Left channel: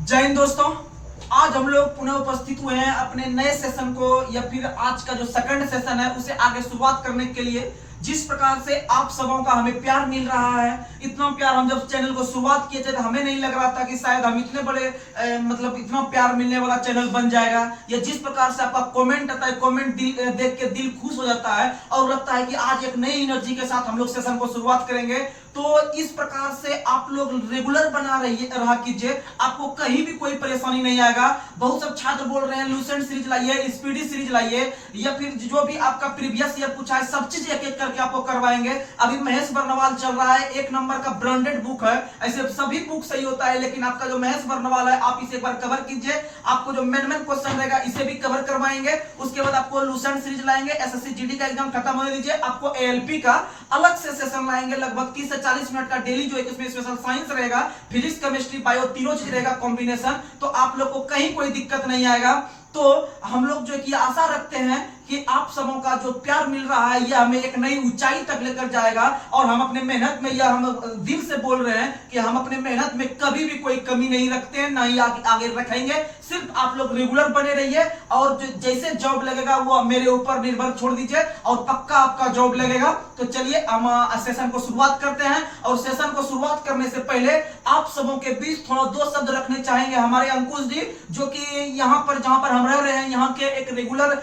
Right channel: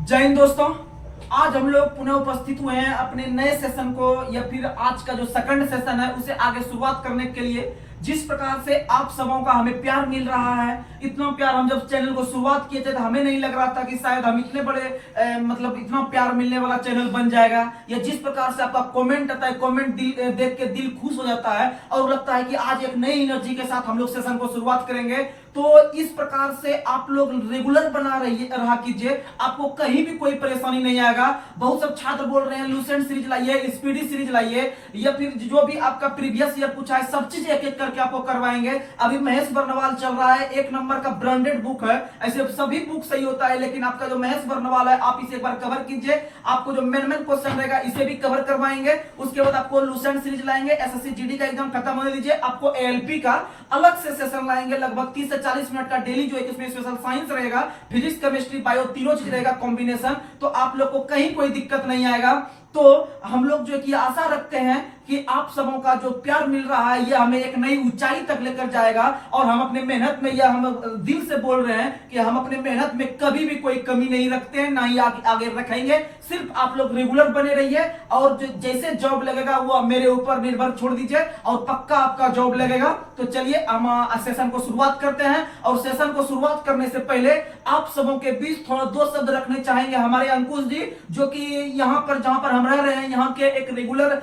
जय हिंद दोस्तों। आज हम लोग पुनः उपस्थित हुए हैं अपने नए सेशन को या फिर आज का जो सेकंड सेशन है उसे आगे शुरुआत करने के लिए। जिस प्रकार से आप सबों का हमें प्यार मिल रहा है, इतना प्यार हम जब चैनल को शुरुआत किए थे तो हमें नहीं लग रहा था कि शायद हम इतने बड़े मतलब इतना प्यार मिलने वाला चैनल बन जाएगा। या जिस प्रकार से आपका कमेंट आता है, कमेंट देख के दिल खुश हो जाता है और लगता है कि आज एक नई एनर्जी के साथ हम लोग सेशन को शुरुआत करेंगे। तो इस प्रकार से आप लोग रेगुलर बना रहा कीजिए, आपको कहीं भी कोई परेशानी नहीं आएगा। बहुत सब छात्र बोल रहे हैं लूसेंट सीरीज लाइए, स्पीडी सीरीज लाइए, या फिर जो भी आपका प्रीवियस ईयर पूछा है सब चीज एक एक करके आपको करवाएंगे। अभी महेश बर्नवाल चल रहा है, एक नंबर का ब्रांडेड बुक है। ऐसे सभी बुक सही होता है, लेकिन आपका जो महेश बर्नवाल है आप इसे एक बार कवर कीजिए। आपको जो मेन क्वेश्चन रहेगा इसे भी कवर करवाएंगे। उसके बाद आपको लूसेंट सीरीज लाएंगे, एसएससी जीडी का एग्जाम खत्म होने दीजिए, आपको एएलपी का अलग से सेशन लाएंगे लगभग 30 से 40 मिनट का डेली, जो इसमें स्पेशल साइंस रहेगा, फिजिक्स केमिस्ट्री बायो तीनों चीज रहेगा कॉम्बिनेशन। तो आप लोग को कहीं कोई दिक्कत नहीं आएगा। तो हम लोग जो कि आशा रखते हैं कि आप सबों का जो प्यार मिल रहा है यह हमें एक नई ऊंचाई तक लेकर जाएगा। और हम अपने मेहनत में, यह हम दिल से बोल रहे हैं कि हम अपने मेहनत में कभी भी कोई कमी नहीं रखते हैं, ना ही आगे रखेंगे। सिर्फ आप लोग रेगुलर बने रहिए और जैसे जॉब लगेगा वो मेरे ऊपर निर्भर छोड़ दीजिए और पक्का आपका जॉब लगेगा। तो चलिए हम सेशन को शुरुआत करते हैं। और सेशन को शुरुआत करने से पहले आप सबों के बीच थोड़ा दो शब्द रखने चाहेंगे हमारे अंकुश जी, जो कि यहाँ पर जहां पर हम रह रहे हैं यहाँ के एक रेगुलर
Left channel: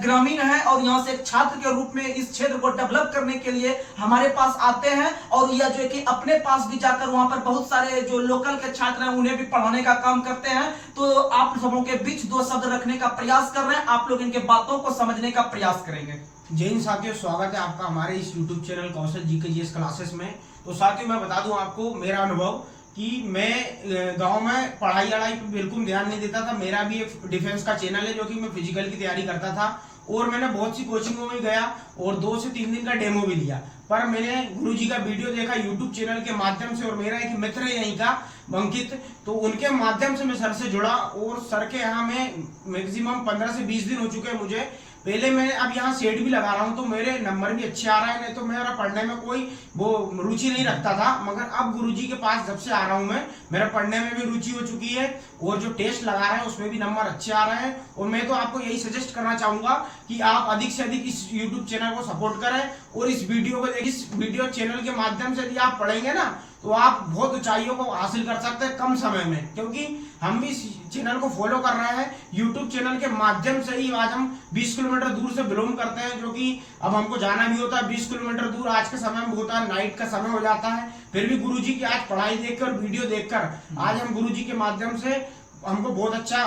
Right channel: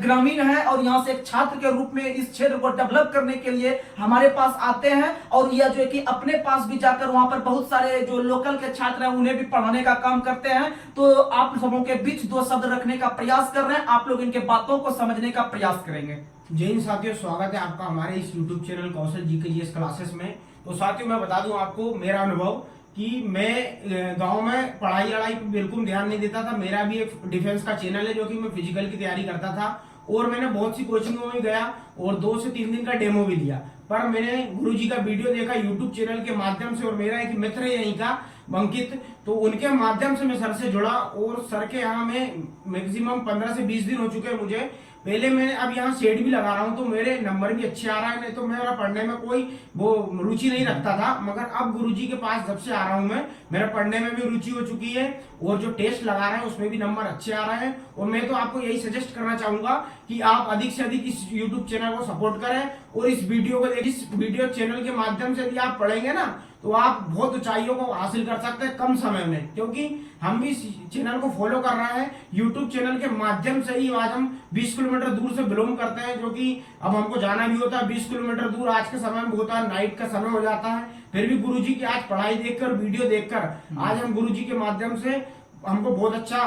ग्रामीण है और यहाँ से एक छात्र के रूप में इस क्षेत्र को डेवलप करने के लिए हमारे पास आते हैं। और यह जो है कि अपने पास भी जाकर वहां पर बहुत सारे जो लोकल के छात्र हैं उन्हें भी पढ़ाने का काम करते हैं। तो आप सबों के बीच दो शब्द रखने का प्रयास कर रहे हैं, आप लोग इनके बातों को समझने का प्रयास करेंगे। जय हिंद साथियों, स्वागत है आपका हमारे इस YouTube चैनल कौशल जीकेजीएस क्लासेस में। तो साथियों मैं बता दूं आपको मेरा अनुभव कि मैं गांव में पढ़ाई लड़ाई पे बिल्कुल ध्यान नहीं देता था। मेरा भी एक डिफेंस का चैनल है जो कि मैं फिजिकल की तैयारी करता था और मैंने बहुत सी कोचिंगों में गया और 2 से 3 दिन का डेमो भी लिया। पर मैंने गुरुजी का वीडियो देखा YouTube चैनल के माध्यम से और मेरा एक मित्र है यहीं का अंकित, तो उनके माध्यम से मैं सर से जुड़ा और सर के यहाँ में मैक्सिमम 15 से 20 दिन हो चुके हैं मुझे। पहले मैं अब यहाँ सेट भी लगा रहा हूँ तो मेरे नंबर भी अच्छे आ रहा है, नहीं तो मेरा पढ़ने में कोई वो रुचि नहीं रखता था। मगर अब गुरुजी के पास जब से आ रहा हूँ मैं, मेरा पढ़ने में भी रुचि हो चुकी है और जो टेस्ट लगा रहे हैं उसमें भी नंबर अच्छे आ रहे हैं। और मैं तो आपको यही सजेस्ट करना चाहूंगा कि आप अधिक से अधिक इस यूट्यूब चैनल को सपोर्ट करें और इस वीडियो चैनल के माध्यम से यदि आप पढ़ेंगे ना तो आप बहुत ऊंचाइयों को हासिल कर सकते हैं कम समय में। क्योंकि हम भी इस चैनल को फॉलो कर रहे हैं, यूट्यूब चैनल के माध्यम से ही आज हम 20 किलोमीटर दूर से बिलोंग करते हैं, जो कि अब हमको जाना भी होता है 20 किलोमीटर दूर। आज के समय में होता है, नाइट का समय हो जाता है, फिर भी गुरुजी की आज पढ़ाई देखकर, वीडियो देखकर आज हम गुरुजी के माध्यम से हमको बहुत अच्छा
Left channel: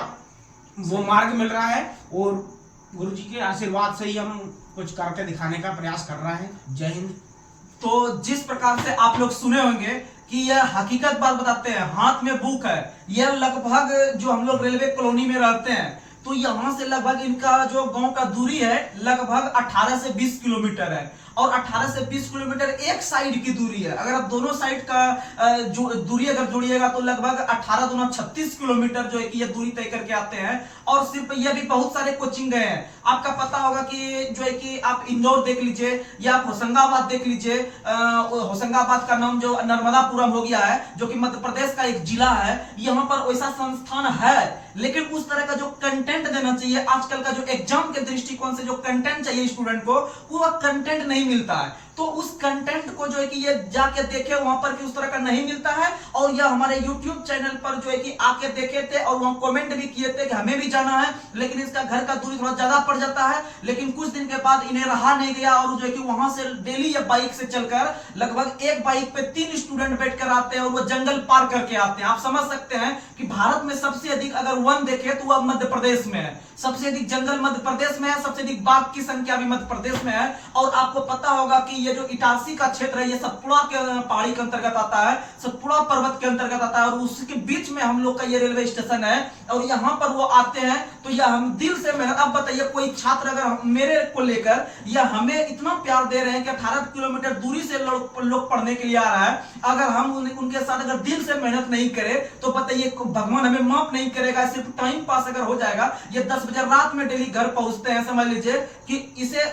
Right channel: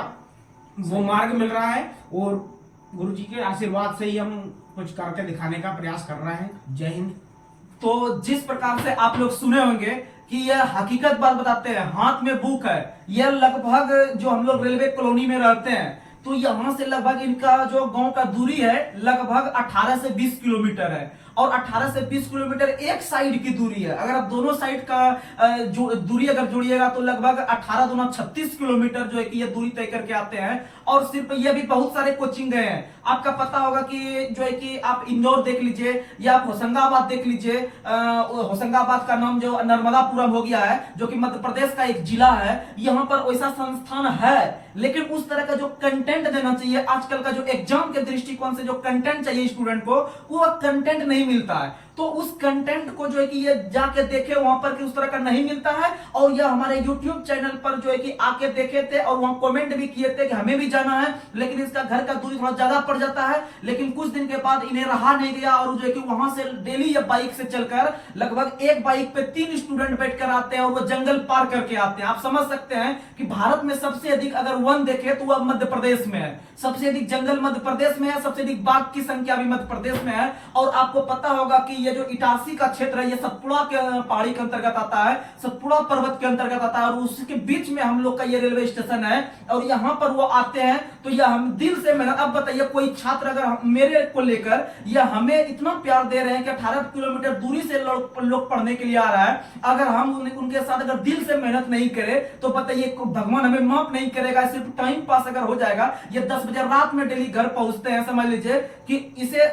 वो मार्ग मिल रहा है और गुरुजी के आशीर्वाद से ही हम कुछ करके दिखाने का प्रयास कर रहे हैं। जय हिंद। तो जिस प्रकार से आप लोग सुने होंगे कि यह हकीकत बात बताते हैं, हाथ में बुक है। यह लगभग जो हम लोग रेलवे कॉलोनी में रहते हैं तो यहाँ से लगभग इनका जो गांव का दूरी है लगभग 18 से 20 किलोमीटर है। और 18 से 20 किलोमीटर एक साइड की दूरी है। अगर आप दोनों साइड का जो दूरी अगर जोड़िएगा तो लगभग 18 दूना 36 किलोमीटर जो है कि ये दूरी तय करके आते हैं। और सिर्फ ये भी बहुत सारे कोचिंग गए हैं। आपका पता होगा कि जो है कि आप इंदौर देख लीजिए या आप होशंगाबाद देख लीजिए। होशंगाबाद का नाम जो नर्मदापुरम हो गया है, जो कि मध्य प्रदेश का एक जिला है। यहाँ पर वैसा संस्थान है, लेकिन उस तरह का जो कंटेंट देना चाहिए, आजकल का जो एग्जाम के दृष्टिकोण से जो कंटेंट चाहिए स्टूडेंट को, वो कंटेंट नहीं मिलता है। तो उस कंटेंट को जो है कि ये जाके देखे वहां पर कि उस तरह का नहीं मिलता है। और ये हमारे YouTube चैनल पर जो है कि आके देखे थे और वहां कमेंट भी किए थे कि हमें भी जाना है, लेकिन इसका घर का दूरी थोड़ा ज्यादा पड़ जाता है। लेकिन कुछ दिन के बाद इन्हें रहा नहीं गया और जो है कि वहां से डेली ये बाइक से चलकर लगभग एक बाइक पे 3 स्टूडेंट बैठकर आते हैं और वो जंगल पार करके आते हैं। आप समझ सकते हैं कि भारत में सबसे अधिक अगर वन देखे तो वह मध्य प्रदेश में है। सबसे अधिक जंगल मध्य प्रदेश में है, सबसे अधिक बाघ की संख्या भी मध्य प्रदेश में है। और आपको पता होगा कि ये जो इटारसी का क्षेत्र है ये सतपुड़ा के पहाड़ी के अंतर्गत आता है, सतपुड़ा पर्वत के अंतर्गत आता है और उसके बीच में हम लोग का ये रेलवे स्टेशन है। और यहाँ पर वो आते हैं तो यह हम दिल से मेहनत। अब बताइए कोई छात्र अगर मेरे को लेकर या हमें इतना प्यार दे रहे हैं कि 18 किलोमीटर दूरी से लोग पढ़ने के लिए आ रहा है, अगर हम उनके साथ अगर दिल से मेहनत नहीं करें तो बताइए भगवान हमें माफ नहीं करेगा। सिर्फ टाइम पास अगर हो जाएगा, ये 10 बजे रात में डेली घर पहुंचते हैं, समझ लीजिए कि इसे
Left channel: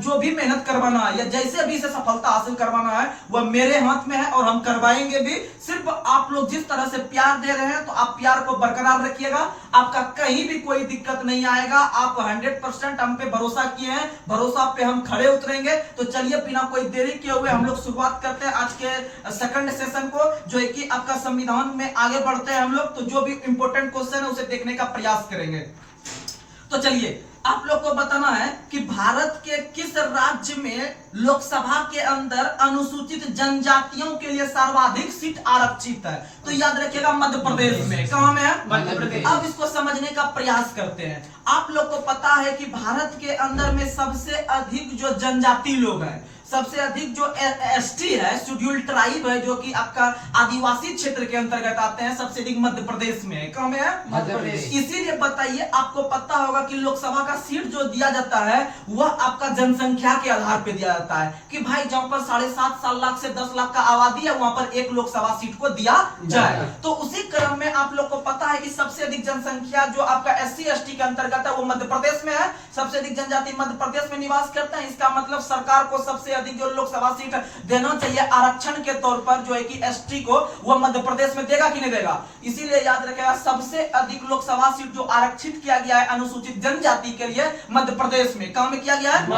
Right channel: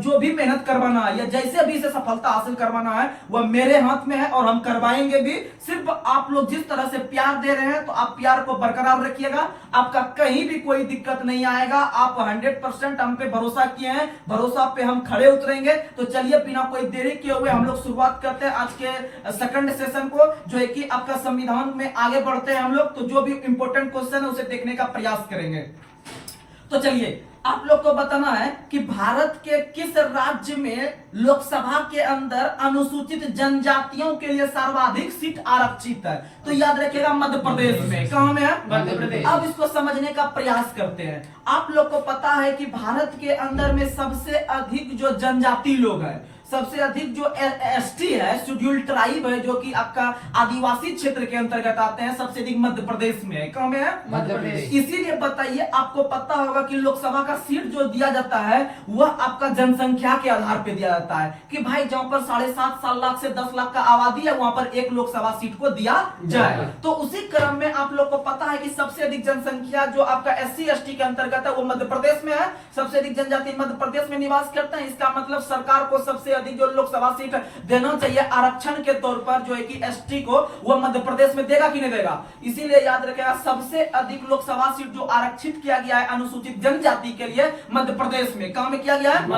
जो भी मेहनत करवाना या जैसे भी इसे सफलता हासिल करवाना है वह मेरे हाथ में है और हम करवाएंगे भी। सिर्फ आप लोग जिस तरह से प्यार दे रहे हैं तो आप प्यार को बरकरार रखिएगा, आपका कहीं भी कोई दिक्कत नहीं आएगा। आप 100% हम पे भरोसा किए हैं, भरोसा पे हम खड़े उतरेंगे। तो चलिए बिना कोई देरी किए हुए हम लोग शुरुआत करते हैं आज के सेकंड सेशन को, जो है कि आपका संविधान में आगे बढ़ते हैं हम लोग। तो जो भी इंपॉर्टेंट क्वेश्चन है उसे देखने का प्रयास करेंगे। तो चलिए आप लोग को बताना है कि भारत के किस राज्य में लोकसभा के अंदर अनुसूचित जनजातियों के लिए सर्वाधिक सीट आरक्षित है। तो याद रखिएगा मध्य प्रदेश में। कहां में है? मध्य प्रदेश। अब इसको समझने का प्रयास करते हैं। आप लोग को पता है कि भारत के अंदर में सबसे अधिक जो जनजाति लोग हैं, सबसे अधिक जो एसटी है, शेड्यूल ट्राइब है, जो कि आपका आदिवासी क्षेत्र के अंतर्गत आते हैं, सबसे अधिक मध्य प्रदेश में है। कहां में है? मध्य प्रदेश। इसीलिए बताइए, आपको पता होगा कि लोकसभा का सीट जो दिया जाता है वह आपका जनसंख्या के आधार पर दिया जाता है कि भाई जहां पर 7.5 लाख से 10 लाख का आबादी है वहां पर एक लोकसभा सीट को दिया जाए। तो उसी क्रम में आप लोग को पता है कि सबसे अधिक जनसंख्या जो आपका SC ST के अंतर्गत है वो मध्य प्रदेश में है। सबसे अधिक जनजाति मध्य प्रदेश में निवास करते हैं। इसका मतलब सरकार को सबसे जो लोकसभा सीट देना चाहिए आरक्षण के तौर पर, जो है कि ST को, वह मध्य प्रदेश में देगा कि नहीं देगा। इसीलिए याद रखेगा सबसे अधिक लोकसभा सीट जो आरक्षित किया गया है अनुसूचित जनजाति के लिए मध्य प्रदेश में। कहां में किया गया है?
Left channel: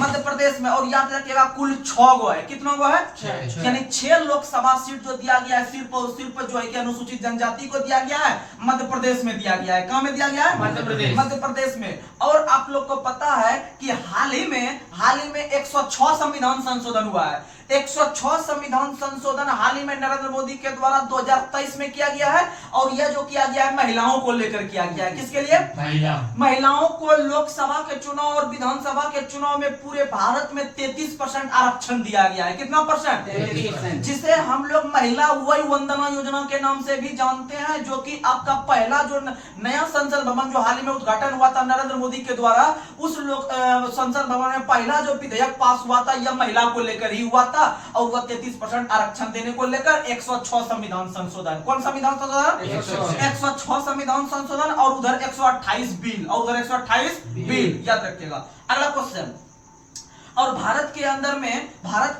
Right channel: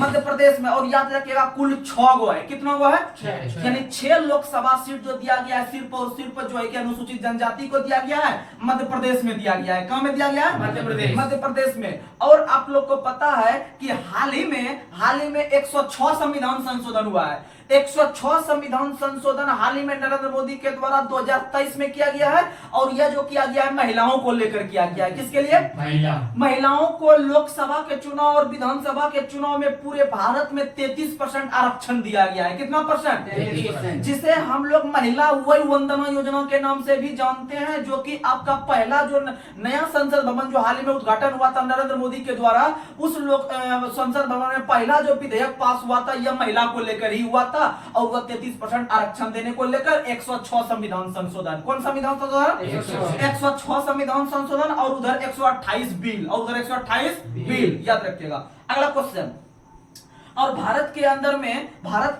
मध्य प्रदेश में। और याद रखिएगा कुल 6 गो है। कितना गो है? 6। यानी 6 लोकसभा सीट जो दिया गया है सिर्फ और सिर्फ जो है कि अनुसूचित जनजाति को दिया गया है, मध्य प्रदेश में दिया गया है। कहां में दिया गया है? मध्य प्रदेश में। और आप लोग को पता है कि हाल ही में 106 संविधान संशोधन हुआ है। 106 संविधान संशोधन हाल ही में नरेंद्र मोदी के द्वारा 2023 में किया गया है। और यह जो किया गया है महिलाओं को लेकर किया गया है। किसके लिए? महिलाओं को लोकसभा के चुनाव और विधानसभा के चुनाव में पूरे भारत में 33% आरक्षण दिया गया है। कितना परसेंट? 33%। जिसे हम लोग महिला वय वंदना योजना के नाम से भी जानते हैं, जो कि आपका पहला जो नया संसद भवन जो हाल ही में उद्घाटन हुआ था नरेंद्र मोदी के द्वारा, उस संसद भवन में पहला जो विधेयक पास हुआ था यह महिला को लेकर ही हुआ था। और वह 33% आरक्षण देने को लेकर 106 संविधान संशोधन। कौन संविधान संशोधन? 106 संविधान संशोधन। और उधर 128 बिल, और उधर 128 बिल। याद रखिएगा। अगला क्वेश्चन, और भारत के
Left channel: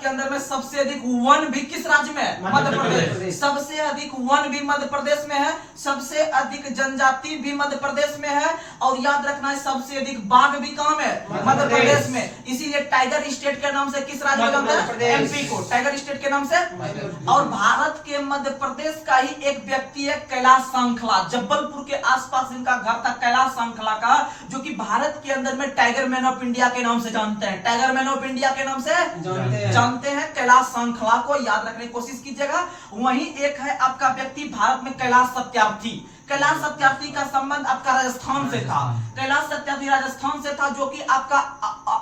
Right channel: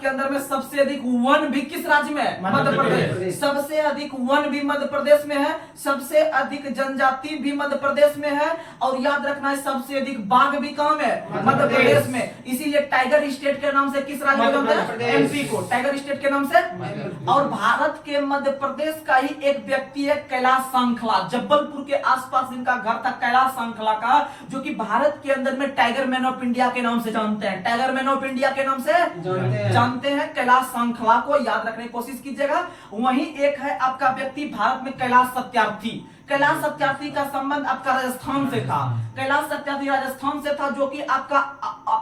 अंदर में सबसे अधिक वन भी किस राज्य में है? मध्य प्रदेश। सबसे अधिक वन भी मध्य प्रदेश में है। सबसे अधिक जनजाति भी मध्य प्रदेश में है। और याद रखना है सबसे अधिक बाघ भी कहां में? मध्य प्रदेश में। इसीलिए टाइगर स्टेट के नाम से किस राज्य को जानते हैं? MP को टाइगर स्टेट के नाम से। और भारत के मध्य प्रदेश का ही एक व्यक्ति है कैलाश सांखला, जबलपुर के आसपास इनका घर था कैलाश सांखला का, जो कि भारत के अंदर में टाइगर मैन ऑफ इंडिया के नाम से जानते हैं। टाइगर मैन ऑफ इंडिया के नाम से जानते हैं कैलाश सांखला को। याद रखने की कोशिश कीजिएगा। वहीं एक है आपका व्यक्ति भारत में कैलाश सत्यार्थी। कैलाश सत्यार्थी का संबंध आपका राजस्थान से था। कैलाश सत्यार्थी राजस्थान से था, जो कि आपका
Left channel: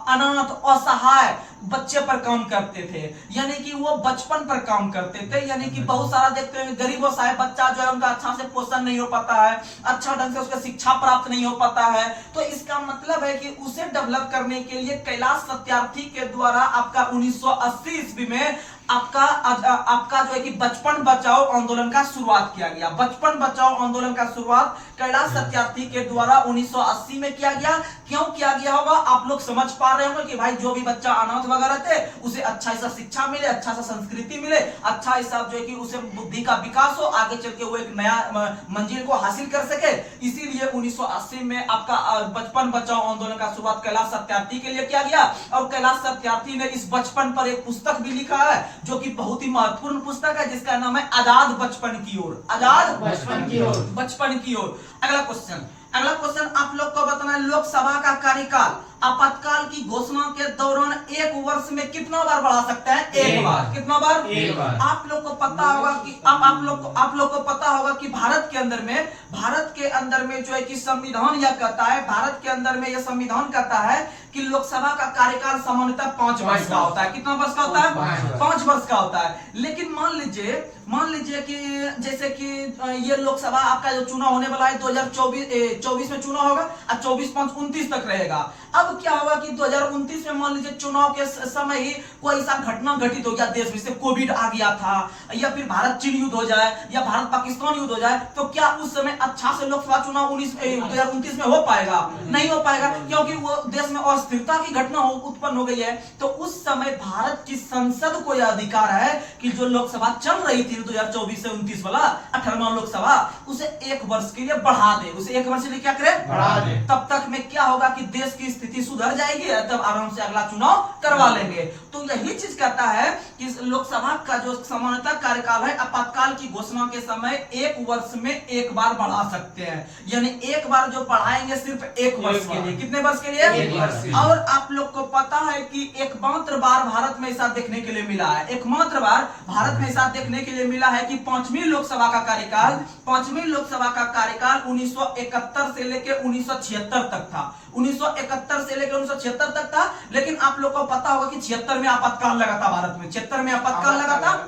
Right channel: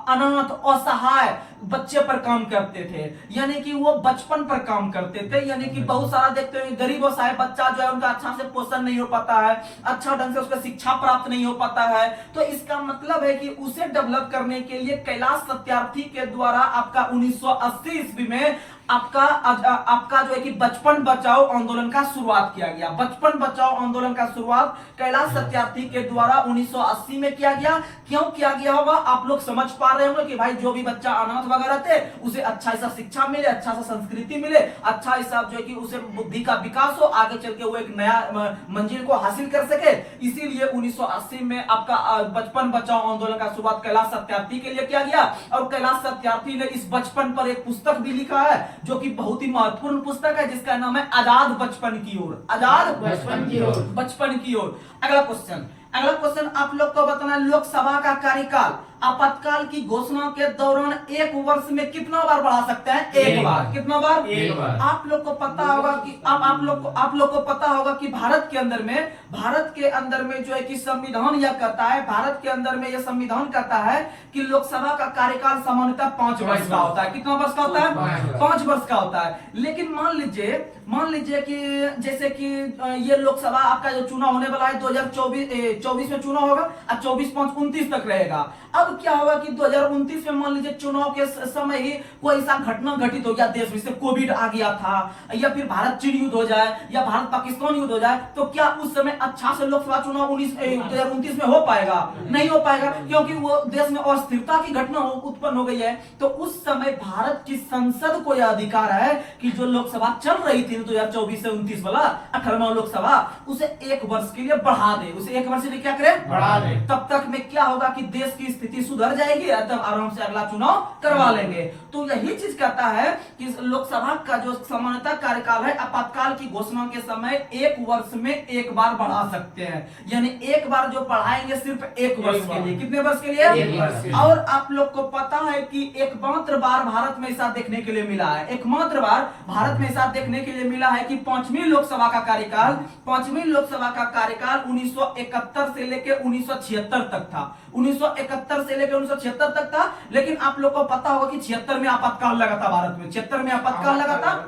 अनाथ असहाय बच्चे पर काम करते थे, यानी कि वो बचपन पर काम करते थे। यानी कि बहुत सारा देखते हैं गरीब असहाय बच्चा जो है उनका अच्छा से पोषण नहीं हो पाता है, अच्छा ढंग से उसका शिक्षा प्राप्त नहीं हो पाता है। तो इसका मतलब है कि उसे डेवलप करने के लिए कैलाश सत्यार्थी के द्वारा आपका 1980 ईस्वी में आपका जो है कि बचपन बचाओ आंदोलन का शुरुआत किया गया। बचपन बचाओ आंदोलन का शुरुआत कैलाश सत्यार्थी के द्वारा 1980 में किया गया। क्यों किया गया होगा आप लोग समझ पा रहे होंगे कि भाई जो भी बच्चा अनाथ वगैरह थे उसे अच्छा सा शिक्षा मिले, अच्छा सा संस्कृति मिले, अच्छा सा जो है कि उसे बुद्धि का विकास हो, आगे चल के वो एक नया मंजिल को हासिल कर सके। इसीलिए 1980 में आपका बचपन बचाओ आंदोलन का शुरुआत कैलाश सत्यार्थी के लिए किया गया। और कैलाश सत्यार्थी ने इस बचपन पर एक पुस्तक भी लिखा है, जो कि बहुत ही महत्वपूर्ण पुस्तक है, जिसका नाम है आजाद बचपन की ओर। आजाद बचपन की ओर। अगला क्वेश्चन आप लोग को बताना है, लोकसभा का कार्यकाल आपातकाल की घोषणा के दौरान 1 वर्ष में कितना बार बढ़ा सकते हैं? 1 बार। कितना बार? 1 बार। आप लोग को पता होगा कि आप लोग को पता होगा कि भारत के अंदर में जो है कि संविधान यह कहता है, भारत के अंदर में यह संविधान कहता है कि लोकसभा का कार्यकाल सामान्यतः 5 वर्ष का होता है। कितना वर्ष का होता है? 5 वर्ष का होता है। लेकिन मान लीजिए कि जैसे कि ये लोकसभा आपका जो चुनाव होने वाला है 2024 में चुनाव होगा और 24, 5, 29 तक रहेगा। अब अब क्या होगा कि 2029 में मान लीजिए चुनाव के समय ही कोई ऐसा घटना घटित हो गया देश में, जैसे कोविड आ गया था, या फिर भारत चीन युद्ध हो जाए, या भारत पाकिस्तान युद्ध हो जाए, तो क्या उस समय अच्छा से लोकसभा चुनाव 2029 में हो पाएगा? नहीं हो पाएगा, क्योंकि वो देश में अस्थिरता की घटना उत्पन्न हो गई है। तो उस समय भारत की संसद को यह अधिकार है कि जो लोकसभा चल रही थी 2024 से 29 वाला 18वां लोकसभा, उसे 1 वर्ष के लिए बढ़ा दे, उसे 1 वर्ष के लिए क्या करे? बढ़ा दे। तब तक में क्या होगा कि देश की स्थिति सुधर जाएगी, तब आराम से अगला चुनाव करवा लेंगे। तो यही चीज कहता है कि लोकसभा का जो सामान्यतः कार्यकाल है, आपातकाल की घोषणा के समय 1 वर्ष में 1 बार बढ़ा सकते हैं, यानी 1 बार जो बढ़ाएंगे सिर्फ 1 वर्ष के लिए। कितने वर्ष के लिए? 1 वर्ष के लिए। और आप लोग को पता है कि एकमात्र बार भारत में ऐसा देखने के लिए मिला है, एकमात्र बार भारत में ऐसा देखने के लिए मिला है कि 5वीं लोकसभा का कार्यकाल 1971 से लेकर 1976 तक था। 1971 से लेकर 1976 तक था, लेकिन आप लोग को पता होगा कि 76 में आपातकाल लगा था भारत में, 76 में आपातकाल लगा था।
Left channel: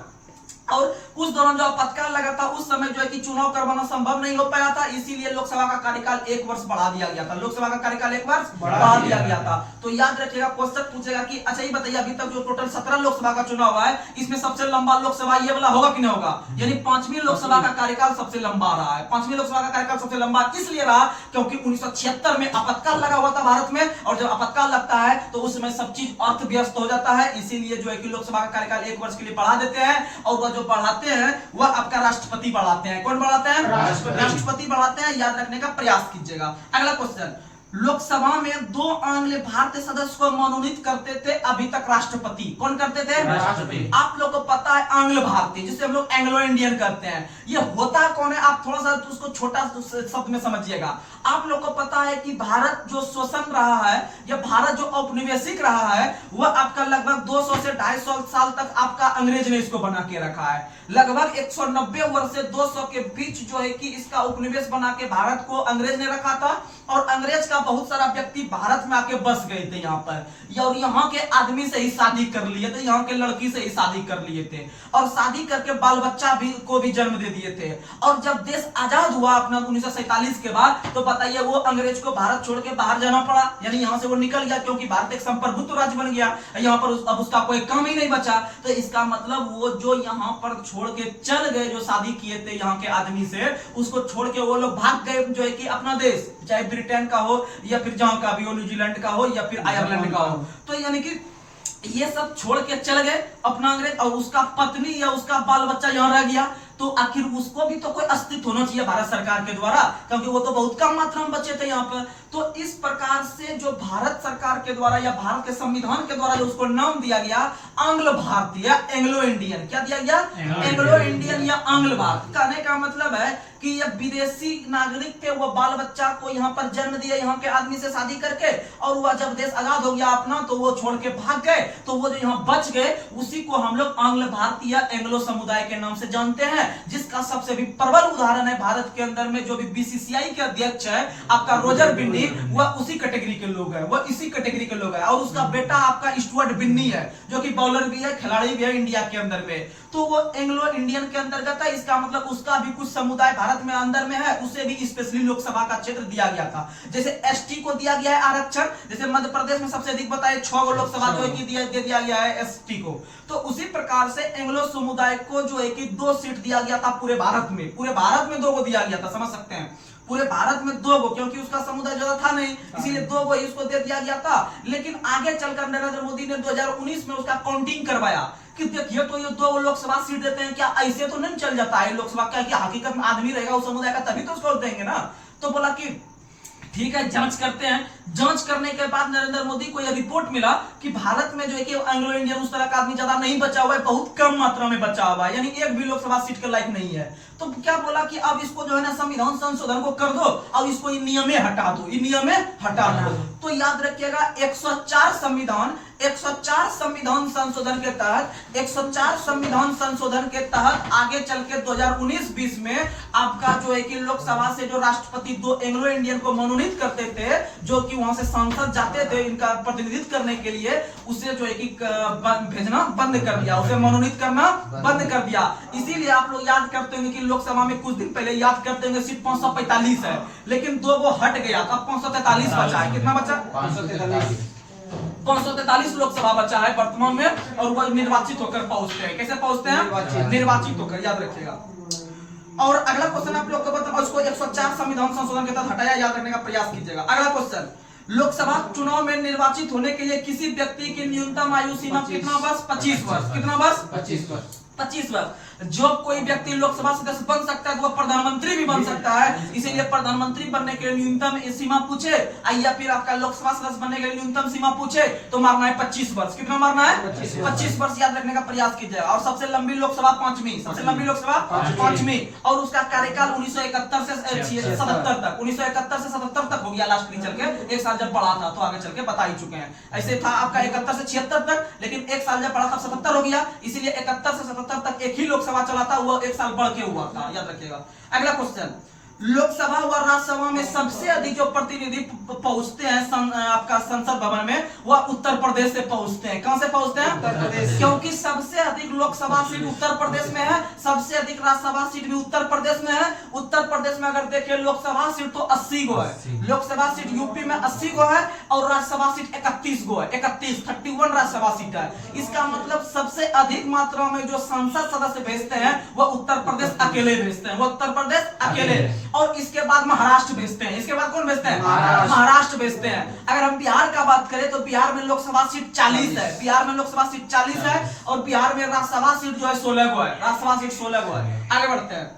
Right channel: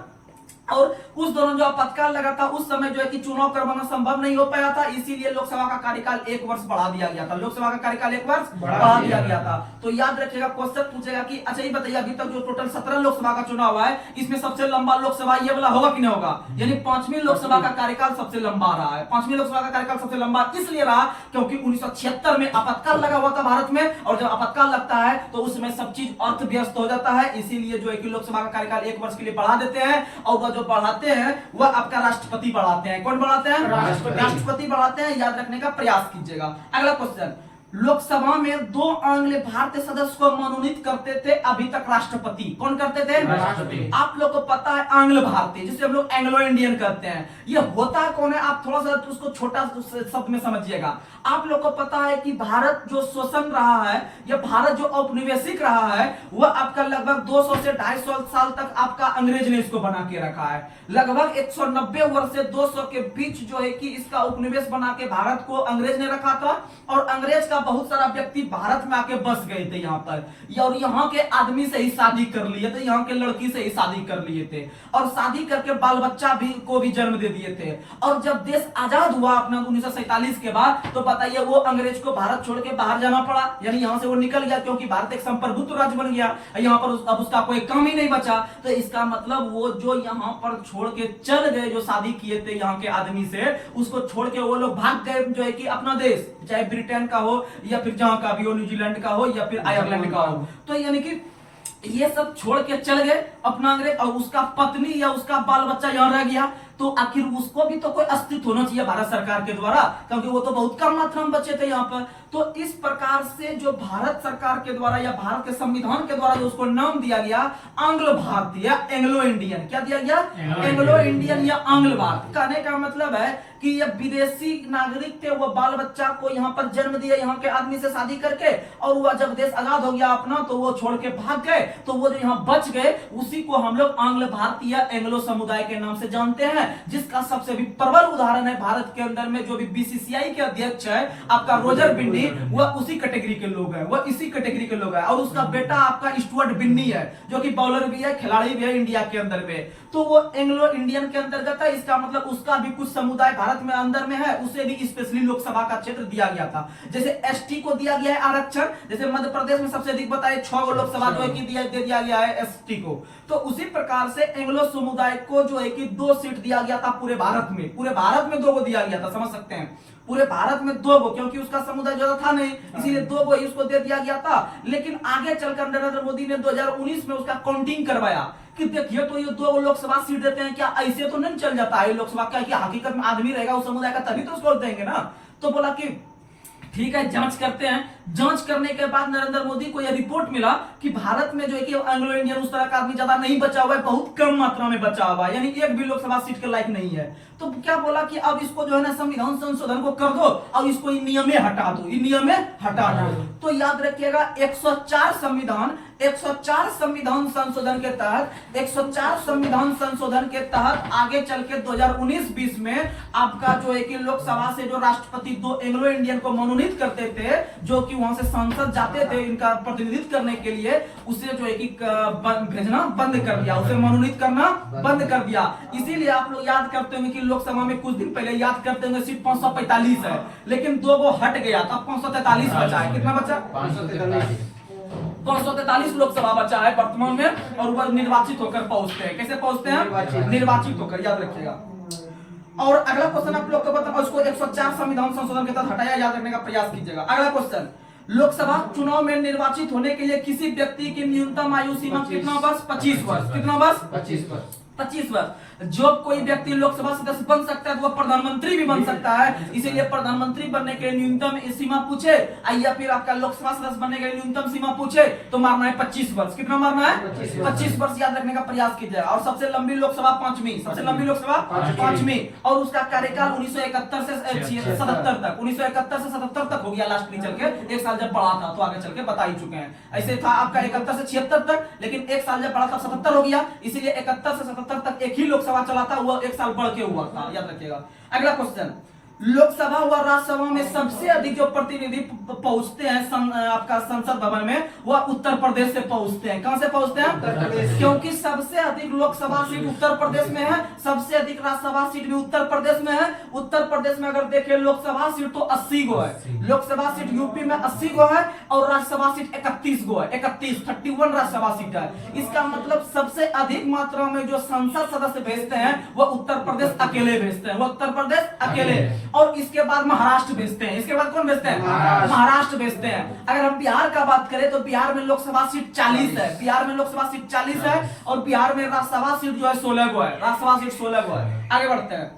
और उस दौरान जो आपातकाल लगा था, उस समय जो है कि चुनाव करवाना संभव नहीं हो पाया था, इसीलिए लोकसभा का कार्यकाल 1 वर्ष बढ़ा दिया गया था। लोकसभा का कार्यकाल 1 वर्ष बढ़ा दिया गया था। तो याद रखिएगा, क्वेश्चन पूछेगा कि अच्छा ये बताइए, अभी तक जो टोटल 17 लोकसभा का चुनाव हुआ है, इसमें सबसे लंबा लोकसभा ये वाला होगा कि नहीं होगा? यानी 5वीं लोकसभा का कार्यकाल सबसे लंबा रहा है। 5वीं लोकसभा का कार्यकाल सबसे लंबा इसलिए रहा क्योंकि 1976 में आपातकाल लगा हुआ था भारत में, और जब आपातकाल लगता है तो उस समय सब चीज अर्थ व्यस्त हो जाता है, इसीलिए जो है कि लोकसभा का कार्यकाल 1 वर्ष के लिए बढ़ा देते हैं। और वह जो बढ़ाते हैं वह आपका राष्ट्रपति बढ़ाते हैं। कौन बढ़ाते हैं? राष्ट्रपति बढ़ाते हैं। याद रखने का प्रयास कीजिएगा। अगला क्वेश्चन, लोकसभा में 2 आंग्ल भारतीय सदस्य को मनोनीत करते थे अभी तक राष्ट्रपति। कौन करते थे? राष्ट्रपति। आप लोग को पता है आंग्ल भारतीय, जिसे हम लोग एंग्लो इंडियन करते हैं, ये होता कौन है? आप थोड़ा सा उसको छोटा शब्द में समझिएगा। आप लोग को पता है कि भारत जो शोषण रहा है, या भारत जो औपनिवेशिक रहा है, वह आपका लगभग 200 से 250 साल तक आपका अंग्रेज ने इसको बना के रखा है। लगभग 190 वर्ष से 200 के बीच जो है कि इसका उपनिवेश बना के भारत को अंग्रेज ने रखा था, और अंग्रेज का बहुत सारा व्यक्ति भारत में आके बस गए थे यहाँ पर, और यहाँ के आदमी से ही शादी कर लिए थे, यहाँ के लड़की से ही शादी कर लिए थे, और शादी करके बाल बच्चा को भी जन्म दे दिए थे। और जब देश आजाद हुआ अपना 1947 के बाद, तो बताइए वो अंग्रेज को भारत छोड़ के बाहर जाना पड़ा, यानी यहाँ से वो निकल गया, क्योंकि भारत एक संप्रभुत्व राज्य बन गया, यहाँ पर अब उसका कोई काम ही नहीं बचा। तो इसका मतलब वो जो यहाँ पर छोड़ के चल गए, जो शादी किए थे यहाँ के आदमी से, उसको छोड़ के वो लोग भाग गए जो है कि अपना देश, चाहे ब्रिटेन का हो, या फिर जहां का भी हो, न्यूजीलैंड का हो, या फिर आयरलैंड का हो। तो यानी कि ये सब छोड़ के चल गए अपना अंग्रेज, और उसका पत्नी या उसका बाल बच्चा यहाँ रह गया। तो आखिर उसको भी तो कोई अस्तित्व होना चाहिए भारत सरकार के द्वारा, क्योंकि वो तो बहुत कम मात्रा में बचे थे यहाँ पर। तो इस प्रकार से जो भारत सरकार के द्वारा या भारत के संविधान के द्वारा जो उसको नाम दिया गया आंग्ल भारतीय, एंग्लो इंडियन। क्या दिया गया? एंग्लो इंडियन या आंग्ल भारतीय। कहने का मतलब है कि ये विदेशी नागरिक थे, वो बाल बच्चा को यहाँ पर जन्म दिए, यहाँ के आदमी से शादी करके, और वह जब देश आजाद हो गया अपना, तो वो छोड़ के भाग गए। तो वो जो यहाँ बच गए, उसी को हम लोग आंग्ल भारतीय एंग्लो समुदाय के नाम से जानते हैं, जिसका सबसे भी प्रबल उदाहरण है भारत के अंदर में जो भी बीसीसीआई के अध्यक्ष है आपका रोजर बिन्नी, वह उसी कैटेगरी के लोग हैं, वह इसी कैटेगरी के लोग हैं। और उसका बेटा आपका स्टुअर्ट बिन्नी है, जो कि बॉलर भी है, खिलाड़ी भी है इंडिया के अंदर में। तो वो एंग्लो इंडियन के अंतर्गत है। इसका मतलब उसका भी कुछ समुदाय भारत में अंदर में है, उसे भी स्पेशली लोकसभा का क्षेत्र दिया गया था। जैसे एसटी को दिया गया है आरक्षण, जैसे मध्य प्रदेश में सबसे अधिक बताए 6 लोकसभा जो है कि दे दिया गया है एसटी को। तो उसी प्रकार से एंग्लो समुदाय को जो है कि 2 सीट दिया गया था पूरे भारत में। पूरे भारत में 2 को दिया गया था, समझ सकते हैं, पूरे भारत में 2 को, क्योंकि उसका समुदाय ज्यादा था नहीं, इसीलिए 2 को उसको दे दिया गया था। लेकिन आगे चलकर नरेंद्र मोदी ने 2019 में उसका काउंटिंग करवाया कि देखिए तो ये 2 लोकसभा सीट देते हैं, क्या ऐसे तो नहीं चल जाता है लोकसभा का, कि हकीकत में आदमी रहेगा उस समुदाय का तभी तो उसको देंगे ना। तो बोला कि ठीक है, जांच करते हैं। जांच करने के बाद नरेंद्र मोदी को यह रिपोर्ट मिला कि भारत में जो है कि एंग्लो इंडियन उस तरह का आदमी ज्यादा नहीं बचा हुआ है, बहुत कम मात्रा में बचा हुआ है, यानी एक भी लोकसभा सीट के लायक नहीं है। तो क्या बोला कि अब इसको जो है ना संविधान संशोधन को कर दो और इसको इन नियमें हटा दो, इन नियमें हटा दो। तो याद रखिएगा 104 संविधान संशोधन के तहत 104 संविधान संशोधन के तहत आगे चल के 2019-20 में आपका जो है कि लोकसभा से जो राष्ट्रपति 2 एंग्लो इंडियन को मनोनीत करते थे, जो कि कि वहां से सांसद जाते थे इनका प्रतिनिधित्व करने के लिए, उसे जो है कि भेजना बंद कर दिया, उसे मनोनीत करना बंद कर दिया। इसीलिए आप लोग याद करते होंगे कि लोकसभा में कुछ दिन पहले याद करते होंगे सीट 545 है, लेकिन 2 वो हट गया, तब 543 बचा है। कितना बचा? 543 लोकसभा बचा है वर्तमान में, और वह निर्वाचित होकर पहुंचते हैं। कैसे पहुंचते हैं? निर्वाचित होकर, याद रखिएगा। और अगला क्वेश्चन आप लोग को बता, उसको 104 संविधान संशोधन के तहत हटाया, याद रखने का प्रयास कीजिएगा। अगला क्वेश्चन, लोकसभा चुनाव में निर्वाचित होने के लिए किसी व्यक्ति की न्यूनतम आयु सीमा कितना वर्ष? 25 वर्ष। कितना वर्ष? 25 वर्ष। जो कोई व्यक्ति लोकसभा सदस्य बन सकता है तो वह प्रधानमंत्री भी बन सकता है। इसीलिए प्रधानमंत्री बनने के लिए न्यूनतम सीमा पूछे, या फिर आपका लोकसभा सदस्य बनने के लिए न्यूनतम सीमा पूछे तो मारना है 25 वर्ष। कितना मारना है? 25 वर्ष याद रखने का प्रयास कीजिए। और सबसे लंबी लोकसभा 5वीं, सबसे लंबी लोकसभा 5वीं, और उसका कार्यकाल 1971 से 77 तक, 1971 से 77 तक हो गया लास्ट में चल के। एक साल जब बढ़ा था तो आगे चल के बता ही चुके हैं। ऐसे था आपका 71 से 76 तक, लेकिन एक साल जब बढ़ा था 77 हो गया, इसीलिए 71 से 77 तक एक ही लोकसभा चलाता हुआ एक साल बढ़ के हुआ था, याद रखिएगा। अगला क्वेश्चन, लोकसभा व राज्यसभा में सबसे अधिक जो प्रतिनिधि पहुंचते हैं आपका संसद भवन में, वह उत्तर प्रदेश से पहुंचते हैं। कहां से पहुंचते हैं? उत्तर प्रदेश। क्योंकि सबसे अधिक लोकसभा सीट उत्तर प्रदेश में है, सबसे अधिक राज्यसभा सीट भी उत्तर प्रदेश में है। उत्तर प्रदेश में अगर देखें लोकसभा सीट तो 80 गो है, लोकसभा सीट यूपी में 80 गो है, और राज्यसभा सीट 31 गो है, 31 राज्यसभा सीट है। इसका मतलब सबसे अधिक मात्रा में जो संसद सदस्य भेजते हैं वह उत्तर प्रदेश अकेले भेजते हैं, वह उत्तर प्रदेश अकेले। और इसके बाद महाराष्ट्र भेजते हैं। इसके बाद कौन भेजते हैं? महाराष्ट्र भेजते हैं। अगर हम बिहार का बात करें तो बिहार में लोकसभा सीट 40 है, बिहार में लोकसभा सीट 40 है, और बिहार में राज्यसभा सीट जो है 16 गो है, राज्यसभा सीट 16 गो है। आगे बढ़ते हैं।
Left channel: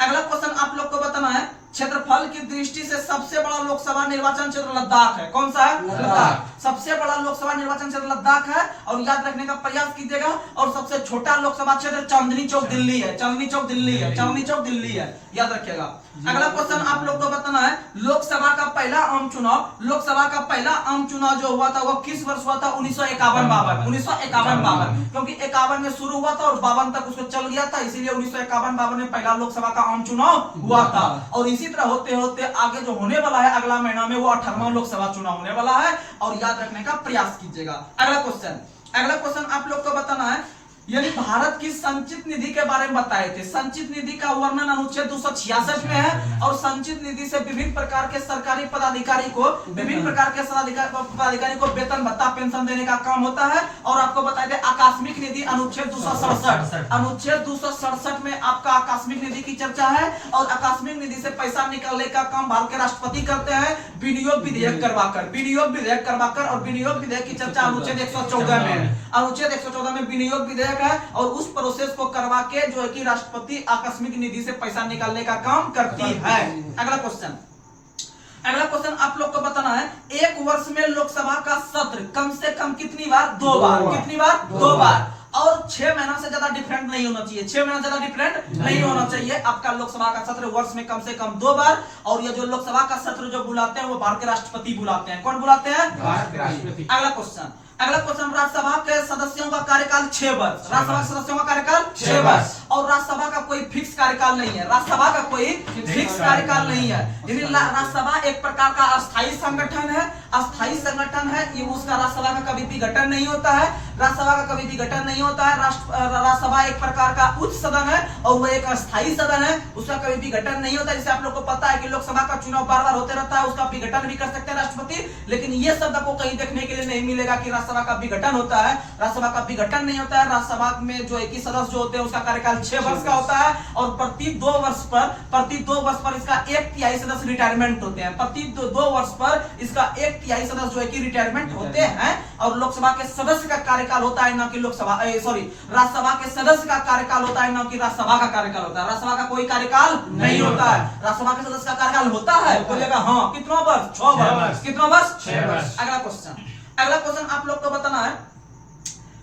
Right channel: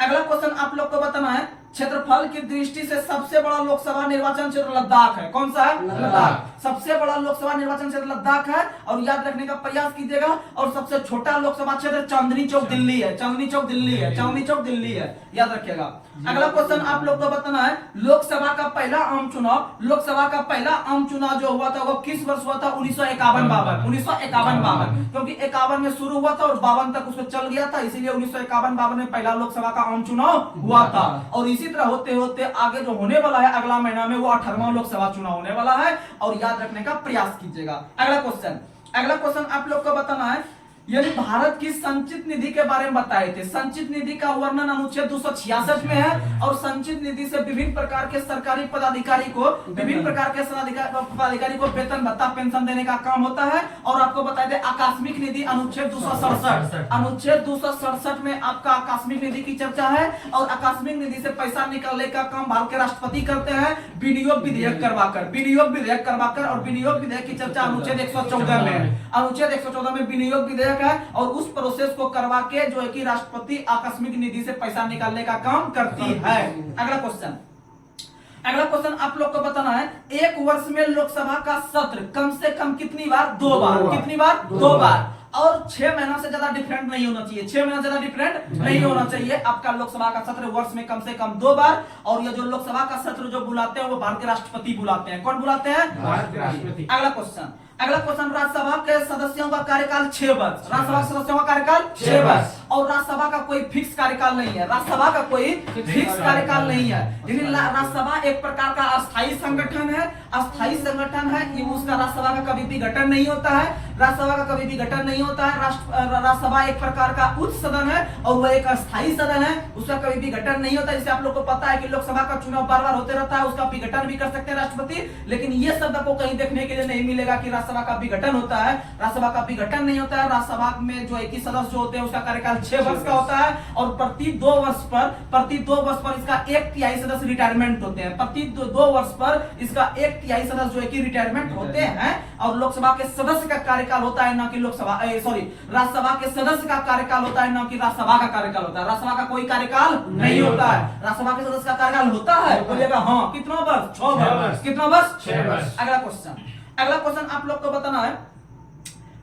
अगला क्वेश्चन आप लोग को बताना है, क्षेत्रफल की दृष्टि से सबसे बड़ा लोकसभा निर्वाचन क्षेत्र लद्दाख है। कौन सा है? लद्दाख। सबसे बड़ा लोकसभा निर्वाचन क्षेत्र लद्दाख है, और याद रखने का प्रयास कीजिएगा। और सबसे छोटा लोकसभा क्षेत्र चांदनी चौक दिल्ली है, चांदनी चौक दिल्ली है, चांदनी चौक दिल्ली है, याद रखिएगा। अगला क्वेश्चन आप लोग को बताना है, लोकसभा का पहला आम चुनाव, लोकसभा का पहला आम चुनाव जो हुआ था वो किस वर्ष हुआ था? 1951-52, 1951-52, क्योंकि 51 में शुरू हुआ था और 52 तक उसको चल गया था, इसीलिए 1951-52 में पहला लोकसभा का आम चुनाव हुआ था। और इसी तरह होते होते आगे जो होने वाला है अगला महीना में, वो 18वां लोकसभा चुनाव होने वाला है, और याद रखने का प्रयास कीजिएगा। अगला क्वेश्चन आप लोग को बताना है, यानी भारत की संचित निधि के बारे में बताए थे। संचित निधि का वर्णन अनुच्छेद 266 में है, और संचित निधि से विभिन्न प्रकार के सरकारी पदाधिकारी को, विभिन्न प्रकार के पदाधिकारी को वेतन भत्ता पेंशन देने का काम होता है। और आपको बताए थे आकस्मिक निधि अनुच्छेद 267, अनुच्छेद 267 में आपका आकस्मिक निधि की चर्चा है, और आकस्मिक निधि से पैसा निकालने का काम भारत के राष्ट्रपति करते हैं विनियोग विधेयक करवाकर, विनियोग विधेयक करवाकर। और विनियोग विधेयक की चर्चा अनुच्छेद 114 में, अनुच्छेद 114 में विनियोग विधेयक है, और उस प्रोसेस को करवा के जो है कि राष्ट्रपति आकस्मिक निधि से पैसा निकालने का काम करती है। अगला क्वेश्चन आप लोग को बताना है, एक वर्ष में लोकसभा का सत्र कम से कम कितनी बार? 2 बार। कितनी बार? 2 बार। और 6 महीना से ज्यादा डिफरेंट नहीं होना चाहिए, 6 महीना से ज्यादा डिफरेंट नहीं होना चाहिए। आपका लोकसभा का सत्र वर्ष में कम से कम 2 बार। और ये जो लोकसभा का सत्र जो बुलाते हैं वो भारत के राष्ट्रपति बुलाते हैं। कौन बुलाते हैं? भारत के राष्ट्रपति। अगला क्वेश्चन राज्यसभा के सदस्यों का कार्यकाल 6 वर्ष, राज्यसभा के सदस्यों का कार्यकाल 6 वर्ष। और राज्यसभा का कोई फिक्स कार्यकाल नहीं है, राज्यसभा का कोई फिक्स कार्यकाल नहीं है। राज्यसभा एक प्रकार का अस्थायी संगठन है, अस्थायी संगठन है, ये उसका राज्यसभा का कभी भी गठन नहीं होता है, राज्यसभा का कभी भी गठन नहीं होता है। राज्यसभा एक प्रकार का उच्च सदन है, और वह एक अस्थायी सदन है, उसका कभी भी गठन नहीं होता। जिसे आप लोग को पता है कि लोकसभा का चुनाव बार बार होते रहता है, उसका विघटन भी कर सकते हैं राष्ट्रपति, लेकिन ये शब्द आपको कहीं देखने के लिए नहीं मिलेगा कि राज्यसभा का विघटन होता है। राज्यसभा का विघटन नहीं होता है। राज्यसभा में जो है कि सदस्य होते हैं उसका कार्यकाल 6 वर्ष का होता है, और प्रति 2 वर्ष पर इसका 1/3 सदस्य रिटायरमेंट होते हैं, प्रति 2 वर्ष पर इसका 1/3 सदस्य जो है कि रिटायरमेंट होते हैं। और लोकसभा के सदस्य का कार्यकाल होता है, ना कि राज्यसभा के सदस्य का कार्यकाल होता है, ना कि राज्यसभा का कार्यकाल होता है। राज्यसभा का कोई कार्यकाल नहीं होता है, राज्यसभा के सदस्य का कार्यकाल होता है। बोलिएगा हाँ, कितना वर्ष? 6 वर्ष। कितना वर्ष? 6 वर्ष। अगला क्वेश्चन आप लोग को बताना है,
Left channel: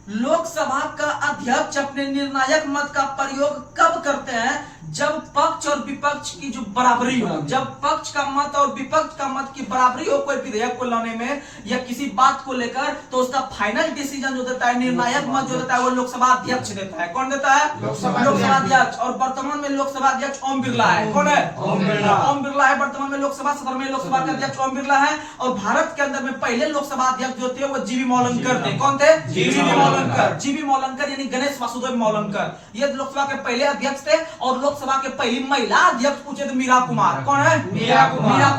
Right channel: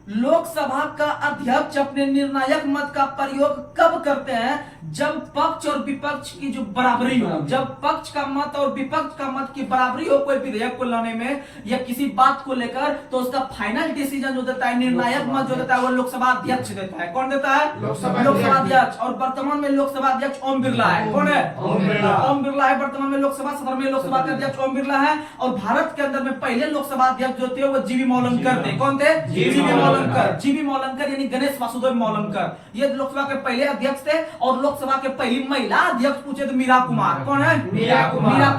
लोकसभा का अध्यक्ष अपने निर्णायक मत का प्रयोग कब करते हैं? जब पक्ष और विपक्ष की जो बराबरी हो, जब पक्ष का मत और विपक्ष का मत की बराबरी हो कोई विधेयक को लाने में या किसी बात को लेकर, तो उसका फाइनल डिसीजन जो देता है, निर्णायक मत जो देता है, वो लोकसभा अध्यक्ष देता है। कौन देता है? लोकसभा अध्यक्ष। और वर्तमान में लोकसभा अध्यक्ष ओम बिरला है। कौन है? ओम बिरला है। वर्तमान में लोकसभा सदन में लोकसभा के अध्यक्ष ओम बिरला है। और भारत के अंदर में पहले लोकसभा अध्यक्ष जो थे वो जीवी मौलंकर थे। कौन थे? जीवी मौलंकर। जीवी मौलंकर यानी गणेश वासुदेव मौलंकर, ये लोकसभा के पहले अध्यक्ष थे। और लोकसभा के पहली महिला अध्यक्ष पूछे तो मीरा कुमार। कौन है? मीरा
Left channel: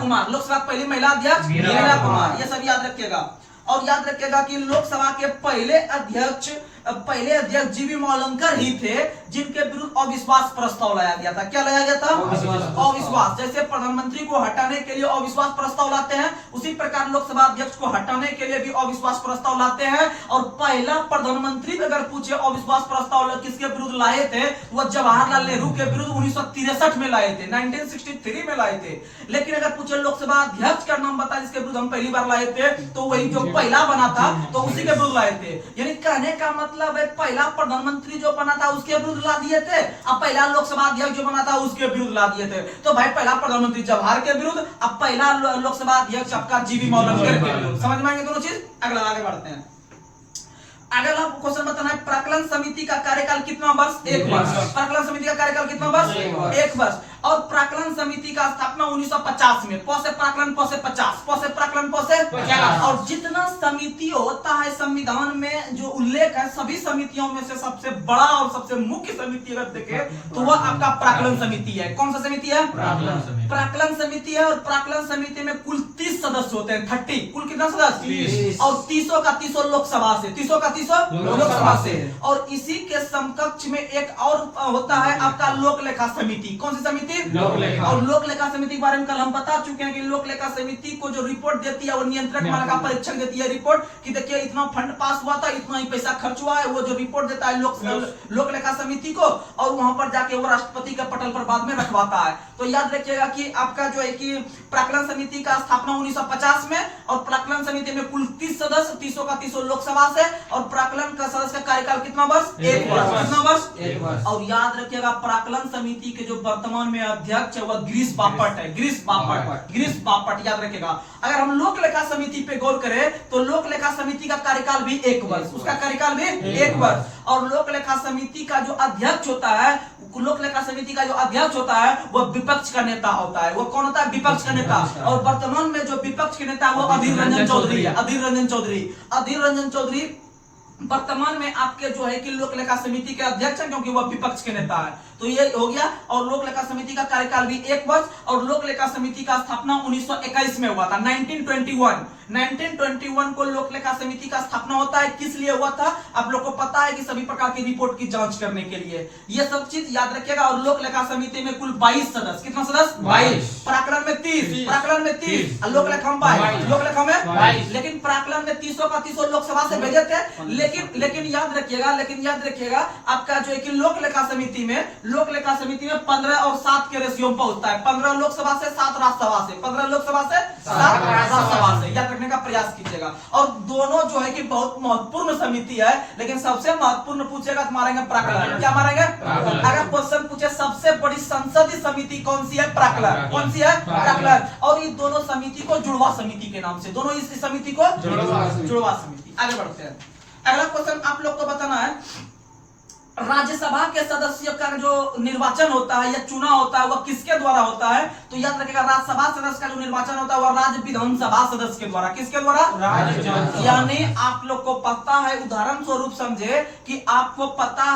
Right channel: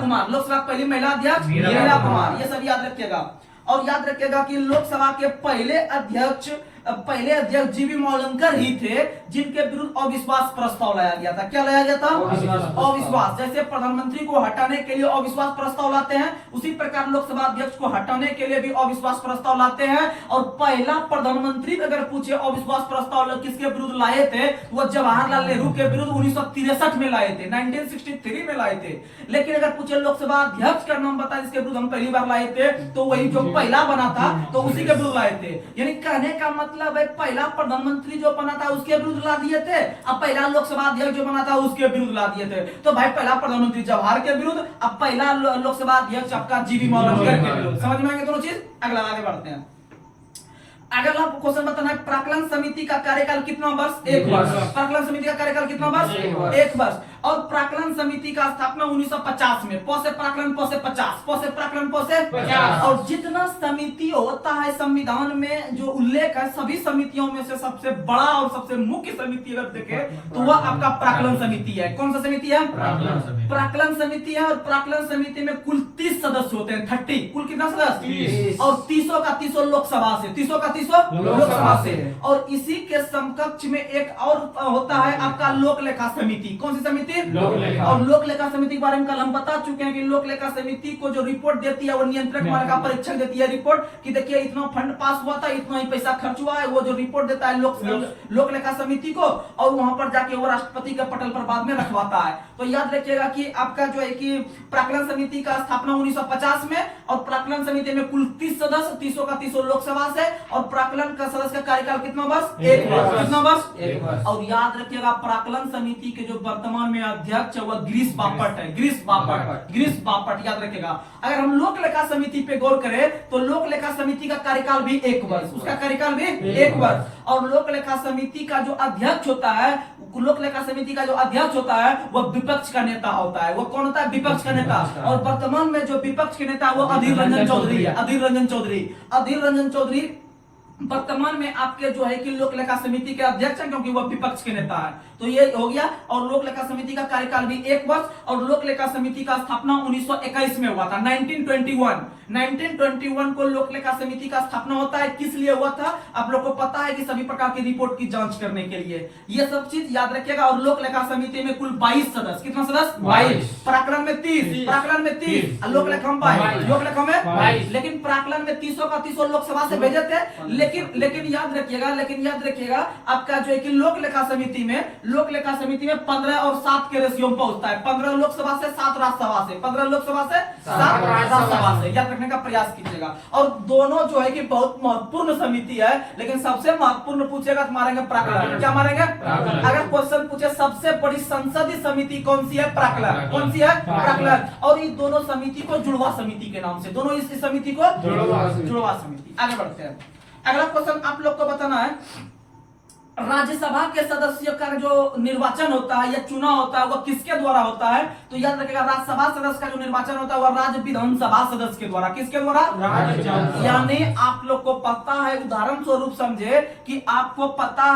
कुमार। लोकसभा की पहली महिला अध्यक्ष मीरा कुमार। ये सब याद रखिएगा। और याद रखिएगा कि लोकसभा के पहले अध्यक्ष जीवी मौलंकर ही थे, जिनके विरुद्ध अविश्वास प्रस्ताव लाया गया था। क्या लाया गया था? अविश्वास। जैसे प्रधानमंत्री को हटाने के लिए अविश्वास प्रस्ताव लाते हैं, उसी प्रकार लोकसभा अध्यक्ष को हटाने के लिए भी अविश्वास प्रस्ताव लाते हैं। और पहला प्रधानमंत्री अगर पूछे अविश्वास प्रस्ताव किसके विरुद्ध लाए थे, वो जवाहरलाल नेहरू के विरुद्ध 1963 में लाए थे, 1963 में लाए थे। लेकिन अगर पूछे लोकसभा अध्यक्ष का नाम बताए जिसके विरुद्ध हम पहली बार लाए थे, तो वही जो पहला बना था तो उसी के विरुद्ध लाए थे। यानी कहने का मतलब है पहला प्रधानमंत्री जो बना था उसके विरुद्ध ला दिए थे, अब पहला लोकसभा अध्यक्ष जो बना था उसके विरुद्ध ला दिए थे। तो भाई पहला प्रधानमंत्री जवाहर के विरुद्ध, अब पहला लोकसभा अध्यक्ष आपका जीवी मौलंकर के विरुद्ध। समझ में आएंगे दोनों चीज? अगला आगे बढ़ते हैं। अगला क्वेश्चन बताना है, प्राक्कलन समिति का कार्यकाल कितना वर्ष? 1 वर्ष। प्राक्कलन समिति का कार्यकाल कितना वर्ष? 1 वर्ष। और प्राक्कलन समिति का स्थापना 1950 में। पौसे प्राक्कलन पौसे 50, पौसे प्राक्कलन पौसे 50। और जितना समिति होता है संविधान में जो उल्लेख है, सभी समितियों में से सबसे बड़ा और सबसे मुख्य समिति अगर देखे तो वह आपका प्राक्कलन समिति है। कौन सा समिति है? प्राक्कलन समिति है। और प्राक्कलन समिति में कुल 30 सदस्य होते हैं। 30 कुल कितना सदस्य? और 30 का 30 लोकसभा से, 30 का 30 लोकसभा से। और इसी के समकक्ष में एक और होता है आपका लोक लेखा समिति। कौन सी समिति? और लोक लेखा समिति के बारे में कल हम बता चुके हैं कि लोक लेखा समिति को जो रिपोर्ट देती है वो नियंत्रक मानक परीक्षक देती है रिपोर्ट, कि देखिए इतना फंड पास हुआ था, इतना ही पैसा खर्च हुआ है। वो जो रिपोर्ट देता है लोक लेखा समिति को, और वहां पर जाके वो राष्ट्रपति के पटल पर बाद में रखवाता है। तो याद रखिएगा कि आपका जो है कि प्राक्कलन समिति का स्थापना 1950 में, और प्राक्कलन समिति में कुल 30 सदस्य, 30 का 30 लोकसभा से। और प्राक्कलन का सदस्य का कार्यकाल कितना वर्ष? 1 वर्ष। कितना वर्ष? 1 वर्ष। और याद रखिएगा प्राक्कलन समिति के जो वर्तमान में अध्यक्ष है वह गिरीश बापट है। गिरीश बापट याद रखिएगा। अगर हम लोक लेखा समिति पे गौर करें तो लोक लेखा समिति का कार्यकाल भी 1 वर्ष, उसका कार्यकाल भी 1 वर्ष। और लोक लेखा समिति का जो अध्यक्ष होता है, लोक लेखा समिति का जो अध्यक्ष होता है वह विपक्ष का नेता होता है। वो कौन होता है? विपक्ष का नेता। और वर्तमान में जो विपक्ष के नेता है वो अधीर रंजन चौधरी है। अधीर रंजन चौधरी वर्तमान में आपके जो है कि लोक लेखा समिति के अध्यक्ष हैं, क्योंकि वह विपक्ष के नेता है। तो ये हो गया। और लोक लेखा समिति का कार्यकाल भी 1 वर्ष। और लोक लेखा समिति का स्थापना 1921 में हुआ था, 1921 को लोक लेखा समिति का स्थापना होता है। किस लिए हुआ था? आप लोग को पता है कि सभी प्रकार की रिपोर्ट की जांच करने के लिए। ये सब चीज याद रखिएगा। और लोक लेखा समिति में कुल 22 सदस्य। कितना सदस्य? 22। प्राक्कलन में 30, प्राक्कलन में 30, लोक लेखा में 22, लोक लेखा में 22। लेकिन प्राक्कलन में 30 का 30 लोकसभा से भेजे थे। लेकिन याद रखिएगा आपका जो है कि लोक लेखा समिति में 15 और 7 के रेशियो में पहुंचता है। 15 लोकसभा से 7 राज्यसभा से, 15 लोकसभा से 7 राज्यसभा से। याद रखने का प्रयास कीजिएगा। और दोनों जो है कि बहुत महत्वपूर्ण समिति है, लेकिन सबसे महत्वपूर्ण पूछेगा तो मारेंगे प्राक्कलन। क्या मारेंगे? अगर क्वेश्चन पूछे सबसे बड़ी संसदीय समिति कौन सी है? प्राक्कलन। कौन सी है? प्राक्कलन। और इस दोनों समिति को जुड़वा समिति के नाम से, दोनों इस समिति को जुड़वा समिति। आगे बढ़ते हैं। अगला क्वेश्चन आप लोग को बताना है, राज्यसभा के सदस्य का जो निर्वाचन होता है या चुनाव होता है वह किसके द्वारा होता है? तो याद रखिएगा राज्यसभा सदस्य का जो निर्वाचन होता है वह राज्य विधानसभा सदस्य के द्वारा। किसके द्वारा? यानी आप लोग को पता है, उदाहरण स्वरूप समझे कि आपको पता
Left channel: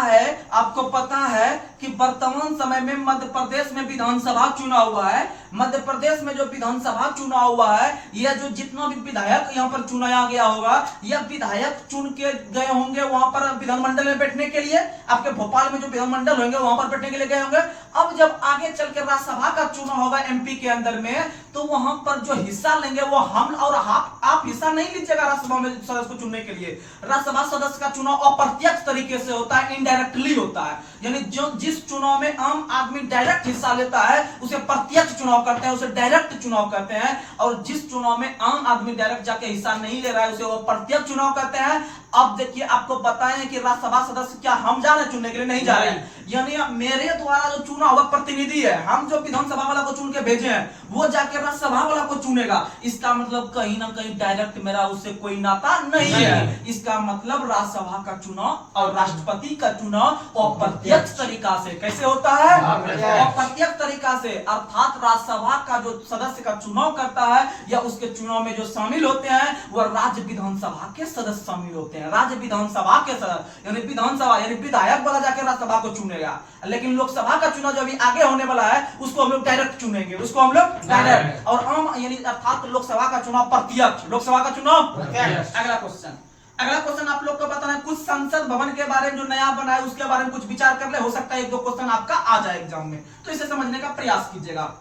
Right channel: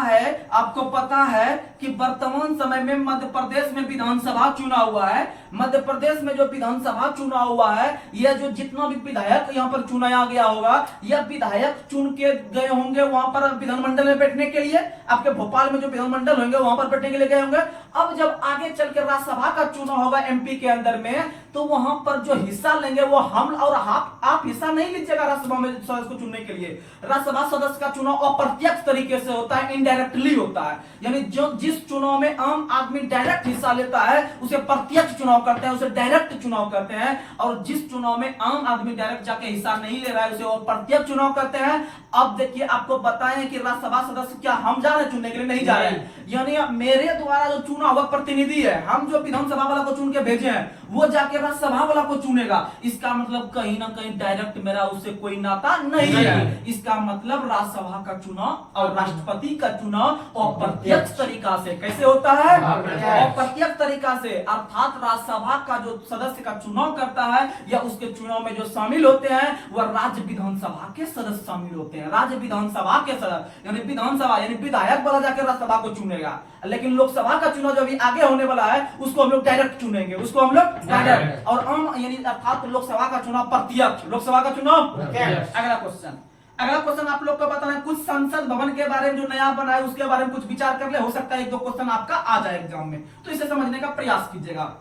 है कि वर्तमान समय में मध्य प्रदेश में विधानसभा चुनाव हुआ है। मध्य प्रदेश में जो विधानसभा चुनाव हुआ है, यह जो जितना भी विधायक यहाँ पर चुनाया गया होगा, यह विधायक चुन के गए होंगे वहां पर विधानमंडल में बैठने के लिए। आपके भोपाल में जो विधानमंडल होंगे वहां पर बैठने के लिए गए होंगे। अब जब आगे चल के राज्यसभा का चुनाव होगा एमपी के अंदर में, तो वहां पर जो हिस्सा लेंगे वो हम और आप हिस्सा नहीं लीजिएगा राज्यसभा में सदस्य को चुनने के लिए। राज्यसभा सदस्य का चुनाव अप्रत्यक्ष तरीके से होता है, इनडायरेक्टली होता है। यानी जो जिस चुनाव में आम आदमी डायरेक्ट हिस्सा लेता है उसे प्रत्यक्ष चुनाव करते हैं, उसे डायरेक्ट चुनाव करते हैं। और जिस चुनाव में आम आदमी डायरेक्ट जाके हिस्सा नहीं ले रहा है उसे वो प्रत्यक्ष चुनाव करते हैं। अब देखिए आपको बताएं कि राज्यसभा सदस्य क्या हम जा रहे हैं चुनने के लिए? नहीं जा रहे हैं। यानी मेरे द्वारा जो चुना हुआ प्रतिनिधि है, हम जो विधानसभा वाला को चुन के भेजे हैं वो जाके राज्यसभा वाला को चुनेगा। इसका मतलब कहीं ना कहीं डायरेक्ट मेरा उससे कोई नाता नहीं है। इसका मतलब राज्यसभा का चुनाव और राष्ट्रपति का चुनाव अप्रत्यक्ष तरीका से कैसे होता है? अप्रत्यक्ष तरीका से, अर्थात राज्यसभा का जो सदस्य का चुनाव करता है या उसके चुनाव में जो शामिल होते हैं वह राज्य विधानसभा के सदस्य शामिल होते हैं। राज्य विधानसभा के सदस्य यानी विधानसभा यानी विधायक वाला जाके राज्यसभा को चुनेगा। लेकिन लोकसभा का चुनाव जो अभी आगे होने वाला है उसको हम लोग डायरेक्ट चुनेंगे, उसको हम लोग डायरेक्ट। और आम यानी अर्थात लोकसभा का चुनाव प्रत्यक्ष, लोकसभा का चुनाव प्रत्यक्ष। अगला क्वेश्चन आप लोग को बताना है, कुछ संसद भवन के बारे में जो नया बना है उसके बारे में कुछ विचार कर ले। हो सकता है एक दो क्वेश्चन आपका आ जाए एग्जाम में, तो इसे समझने का प्रयास कीजिएगा।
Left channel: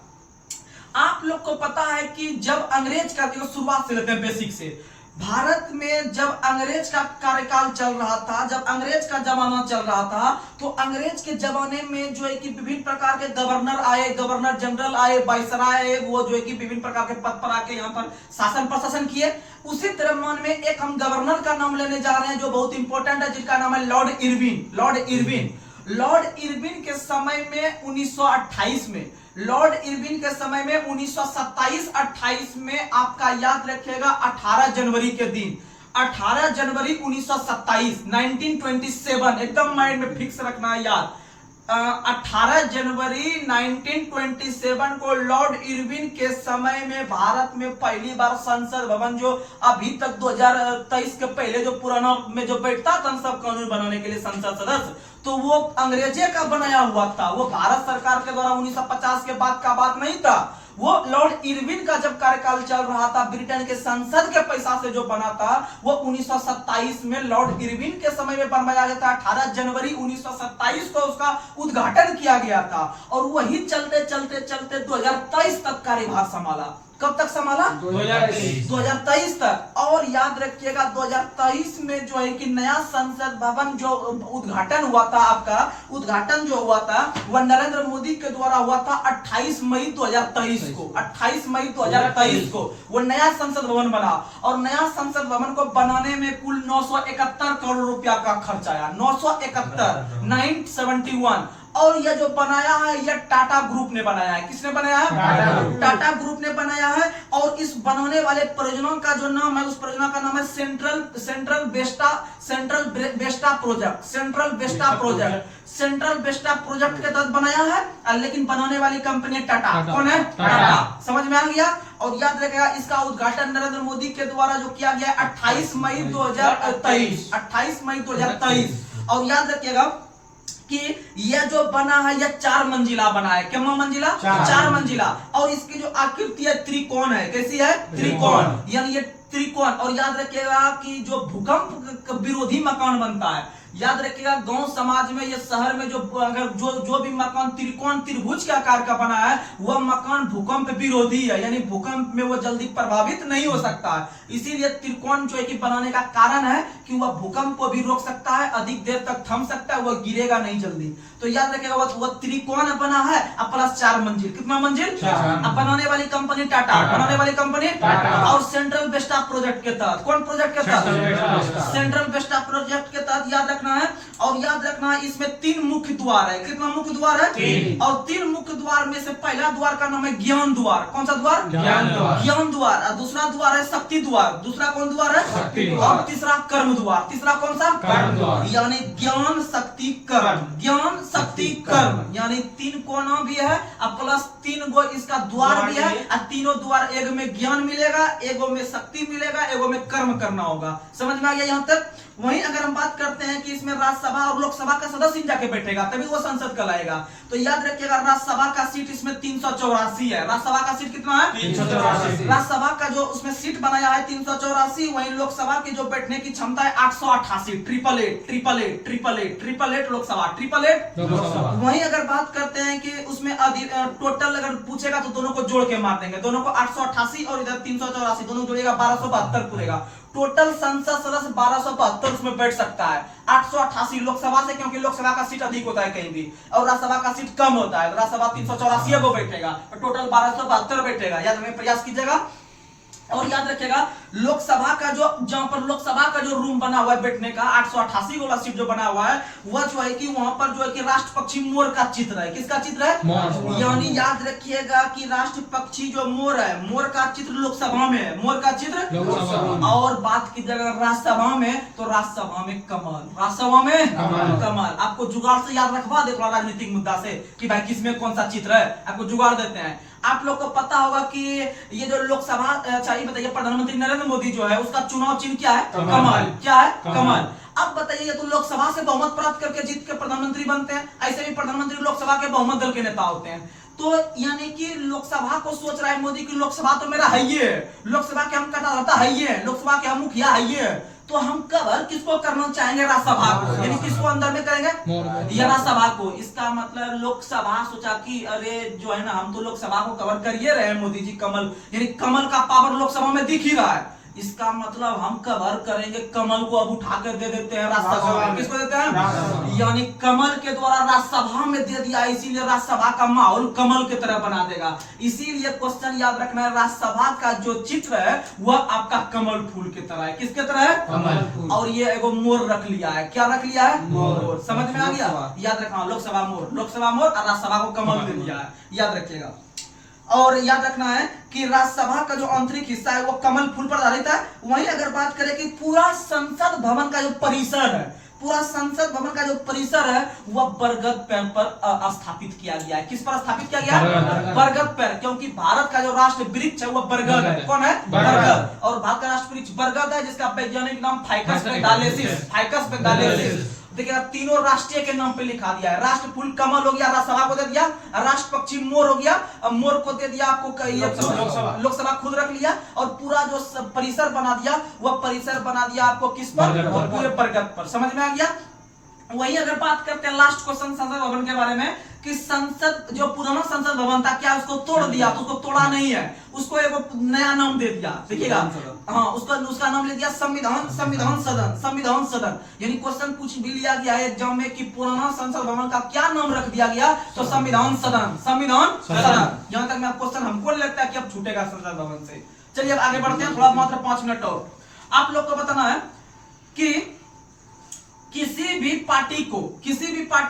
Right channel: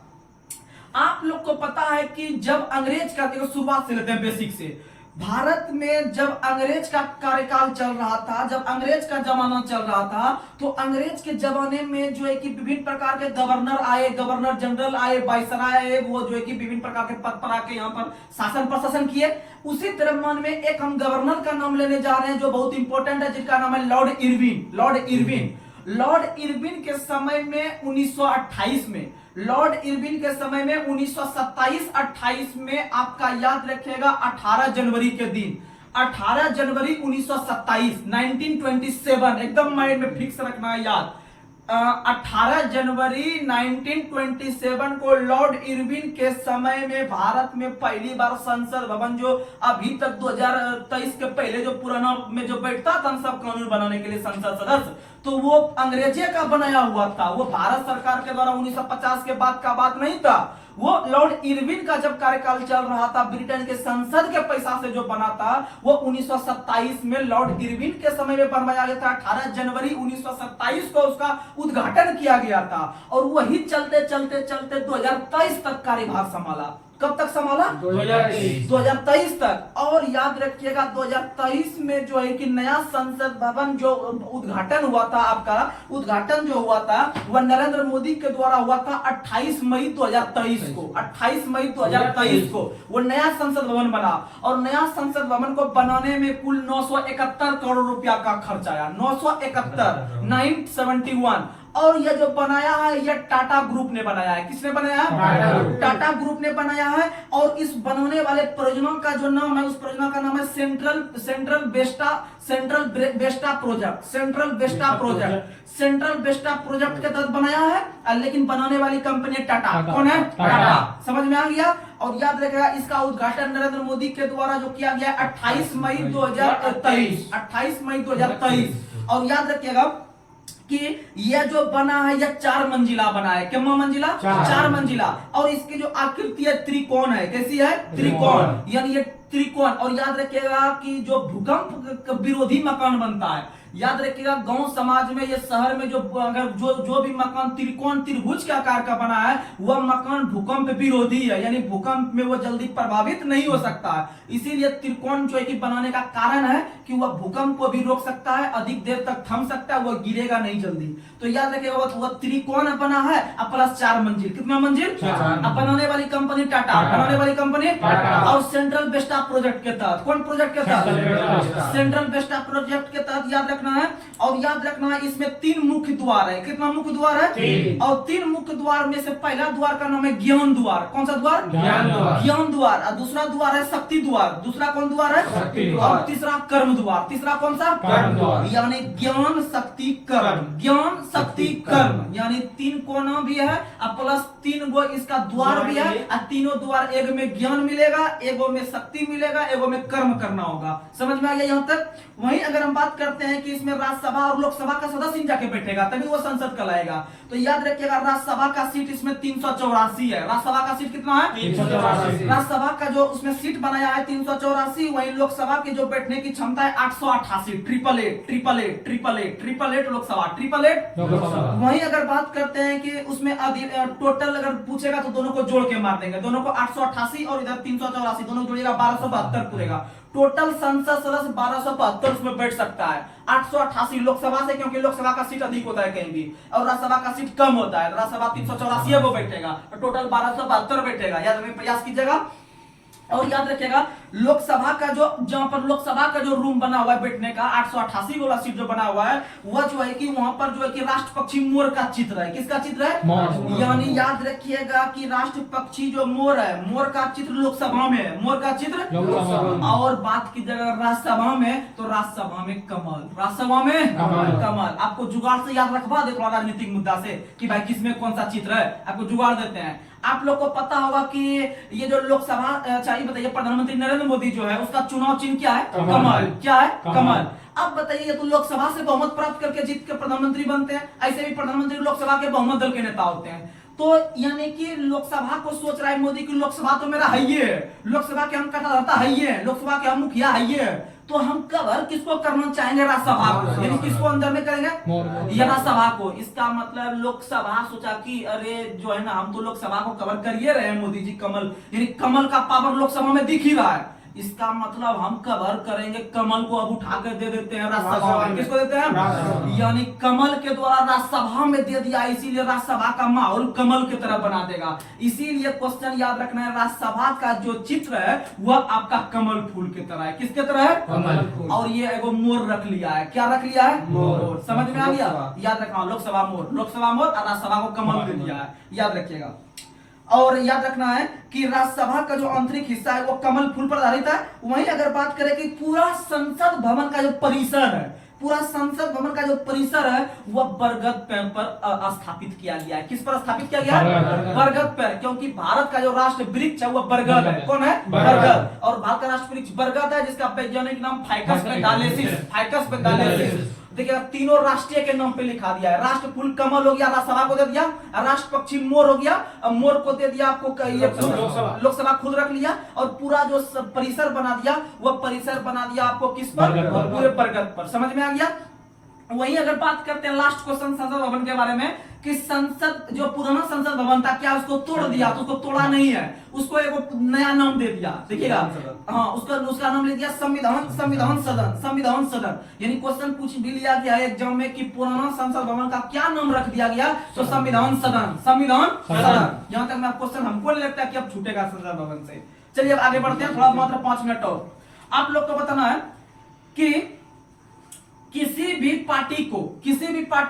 आप लोग को पता है कि जब अंग्रेज का, शुरुआत से लेते हैं बेसिक से, भारत में जब अंग्रेज का कार्यकाल चल रहा था, जब अंग्रेज का जमाना चल रहा था, तो अंग्रेज के जमाने में जो है कि विभिन्न प्रकार के गवर्नर आए, गवर्नर जनरल आए, वाइसराय आए, वो जो है कि विभिन्न प्रकार के पद पर आके यहाँ पर शासन प्रशासन किए। उसी तरह में एक हम गवर्नर का नाम लेने जा रहे हैं जो बहुत इंपॉर्टेंट है, जिसका नाम है लॉर्ड इरविन। लॉर्ड इरविन के समय में 1928 में, लॉर्ड इरविन के समय में 1927-28 में, आपका याद रखिएगा 18 जनवरी के दिन, 18 जनवरी 1927, 1927 एकदम माइंड में फिक्स रखना है याद। 18 जनवरी 1927 को लॉर्ड इरविन के समय में भारत में पहली बार संसद भवन, जो अभी तक 2023 के पहले जो पुराना में जो बैठता था सब कानून बनाने के लिए संसद सदस्य, तो वो अंग्रेजे का बनाया हुआ था। वो भारत सरकार के द्वारा 1950 के बाद का बात नहीं था। वो लॉर्ड इरविन का जब कार्यकाल चल रहा था, ब्रिटेन के संसद के पैसा से जो बना था, वो 1927 में लॉर्ड इरविन के समय में बनवाया गया था। 18 जनवरी 1927 को उसका उद्घाटन किया गया था और वही चलते चलते चलते 2023 तक कार्यभार संभाला। कब तक संभाला? 2023 तक। और याद रखिएगा 2023 में जो है कि नया संसद भवन जो उद्घाटन हुआ था, आपका उद्घाटन जो हुआ था वह नरेंद्र मोदी के द्वारा हुआ था 28 मई 2023 को। 28 मई 2023 को वो नया संसद भवन बना और नया संसद भवन को बनाने में कुल 971 करोड़ रुपया का खर्च आया। 971 और यह जो बनाया है यह टाटा ग्रुप ने बनाया है। किसने बनाया है? टाटा ग्रुप ने बनाया है। और इस बनाने वाले परियोजना का जो नाम है, उस परियोजना का नाम है सेंट्रल बेस्टा प्रोजेक्ट के तहत बनाया है। लेकिन बनाने वाली कंपनी टाटा। कौन है? टाटा। समझ में आ गया? और याद रखिएगा इसका उद्घाटन नरेंद्र मोदी के द्वारा जो किया गया 28 मई 2023। और याद रखिएगा कि यह जो बना है यह 4 मंजिला बना है। कितना मंजिला? 4 मंजिला। और इसकी जो आकृति है त्रिकोण है। कैसी है? त्रिकोण। यानी ये त्रिकोण। और याद रखिएगा कि जो भूकंप विरोधी मकान बनता है, याद रखिएगा गांव समाज में, ये शहर में जो अगर जो भी मकान त्रिकोण त्रिभुज के आकार का बना है वह मकान भूकंप विरोधी है, यानी भूकंप में वो जल्दी प्रभावित नहीं हो सकता है। इसीलिए त्रिकोण जो है कि बनाने का कारण है कि वह भूकंप को भी रोक सकता है, अधिक देर तक थम सकता है, वह गिरेगा नहीं जल्दी। तो याद रखिएगा वह त्रिकोण बना है और प्लस 4 मंजिल। कितना मंजिल? अब बनाने वाली कंपनी टाटा, बनाने वाली कंपनी और सेंट्रल बेस्टा प्रोजेक्ट के तहत। कौन प्रोजेक्ट के तहत? सेंट्रल बेस्टा प्रोजेक्ट के तहत याद रखना है। और याद रखना है इसमें 3 मुख्य द्वार है। कितना मुख्य द्वार है? 3। और 3 मुख्य द्वार में से पहला द्वार का नाम है ज्ञान द्वार। कौन सा द्वार? ज्ञान द्वार। और दूसरा द्वार है शक्ति द्वार। दूसरा कौन द्वार है? और तीसरा कर्म द्वार। तीसरा कौन सा? कर्म द्वार। यानी ज्ञान शक्ति कर्म, ज्ञान शक्ति कर्म, यानी 3 कोना भी है और प्लस 3 गो इसका द्वार भी है। और तीनों द्वार, एक में ज्ञान मिलेगा, एगो में शक्ति मिलेगा, एगो में कर्म करना होगा। समझ में आ गया यहाँ तक? वहीं अगर हम बात करते हैं कि इसमें राज्यसभा राज्यसभा और लोकसभा का सदस्य जाके बैठेगा, तभी वो संसद कहलाएगा। तो याद रखिएगा राज्यसभा का सीट इसमें 384 है। राज्यसभा का सीट कितना है? 384। राज्यसभा का जो उसमें सीट बनाया है 384, वहीं लोकसभा की जो बैठने की क्षमता है 888। Triple eight Lok Sabha, triple eight. वहीं अगर बात करते हैं कि उसमें टोटल अगर पूछेगा तो दोनों को जोड़ के मार देंगे, दोनों को 888 और इधर 384 दोनों जोड़ेगा 1272 पूरेगा। टोटल संसद सदस्य 1272 उसमें बैठ सकता है। 888 लोकसभा से, क्योंकि लोकसभा का सीट अधिक होता है कहीं भी और राज्यसभा का सीट कम होता है। राज्यसभा 384 को बैठेगा और टोटल 1272 बैठेगा। याद रखने प्रयास कीजिएगा। और याद रखिएगा लोकसभा का जो जहां पर लोकसभा का जो रूम बना हुआ है बैठने का 888 वाला सीट जो बना हुआ है, वह जो है कि वहां पर जो है कि राष्ट्र पक्षी मोर का चित्र है। किसका चित्र है? यानी याद रखिएगा कि राष्ट्र पक्षी जो मोर है, मोर का चित्र लोकसभा में है, मोर का चित्र। और बात की जगह राज्यसभा में, तो राज्यसभा में कमल, राज्यसभा में कमल। आपको जुगाड़ से याद रखवा दे थोड़ा राजनीतिक मुद्दा से कि भाई किसमें कौन सा चित्र है, आपको जुगाड़ देते हैं। आप लोग को पता होगा कि ये जो लोकसभा, अच्छा ये बताइए प्रधानमंत्री नरेंद्र मोदी जो है उसका चुनाव चिन्ह क्या है? कमल। क्या है? कमल। अब बताइए तो लोकसभा से बहुमत प्राप्त करके जीत के प्रधानमंत्री बनते हैं, ऐसे भी प्रधानमंत्री लोकसभा के बहुमत दल के नेता होते हैं। तो यानी कि लोकसभा को सोच रहा है मोदी की लोकसभा तो मेरा है ही है, लोकसभा के हम कटाधरता है ही है, लोकसभा के हम मुखिया है ही है, तो हम कवर किसको करना चाहेंगे? राज्यसभा को। यानी किसको अंदर में करेंगे? या राज्यसभा को। इसका मतलब लोकसभा सोचा कि अरे जो है ना हम तो लोकसभा को कवर कर ही रहे हैं, मोदी जी कमल, यानी कमल का पावर लोकसभा में दिख ही रहा है, इसका मतलब हम कवर करेंगे कमल को, अब उठा कर दे देते हैं राज्यसभा में। किसको देते हैं? यानी कमल के द्वारा राज्यसभा में दे दिया, इसीलिए राज्यसभा का माहौल कमल की तरह बना देगा। इसीलिए क्वेश्चन याद रखना है, राज्यसभा का जो चित्र है वह आपका कमल फूल की तरह है। किसके तरह है? कमल फूल। और ये एगो मोर रख लिया है। क्या रख लिया है? मोर। समझ में आ गया? याद रखना लोकसभा मोर, लोकसभा मोर और राज्यसभा को कमल दे दिया है, याद रखिएगा। और याद रखना है कि राज्यसभा का जो आंतरिक हिस्सा है वो कमल फूल पर आधारित है। वहीं अगर बात करें कि पूरा संसद भवन का जो परिसर है, पूरा संसद भवन का जो परिसर है वह बरगद पेड़ पर स्थापित किया गया है। किस पर स्थापित किया गया है? बरगद पेड़, क्योंकि भारत का जो राष्ट्र वृक्ष है वह बरगद है। कौन है? बरगद। और भारत का राष्ट्र वृक्ष बरगद है, जिसका वैज्ञानिक नाम फाइकस पेडालेसिस, फाइकस पेडालेसिस। देखिएगा तीनों राष्ट्रीय के नाम पे लिखा दिया है। राष्ट्र फूल कमल हो गया, राज्यसभा को दे दिया। राष्ट्र पक्षी मोर हो गया, मोर को दे दिया आपको लोकसभा खुद रख लिया। और पूरा जो परिसर बना दिया वह परिसर बना दिया आपको किस पर? पूरे बरगद पर। समझ में आ गया? वहीं अगर बात करते हैं लास्ट क्वेश्चन संसद भवन के बारे में कि संसद जो पुराना संसद भवन था क्या उसको तोड़ दिया? तो उसको तोड़ा नहीं है, उसको एक नया नाम दे दिया। देखिएगा हाँ, उसका नाम ले दिया संविधान सदन, संविधान सदन। यानी क्वेश्चन पूछ भी लिया गया है एग्जाम में कि पुराना संसद भवन का क्या नाम रख दिया गया? तो संविधान सदन, संविधान सदन। यहाँ तक मैं क्वेश्चन हमको नहीं लगता कि अब छूटेगा संसद भवन से। चलिए अब आगे बढ़ते हैं, थोड़ा मात्र 5 मिनट और। आप लोग को बताना है कि किसी भी पार्टी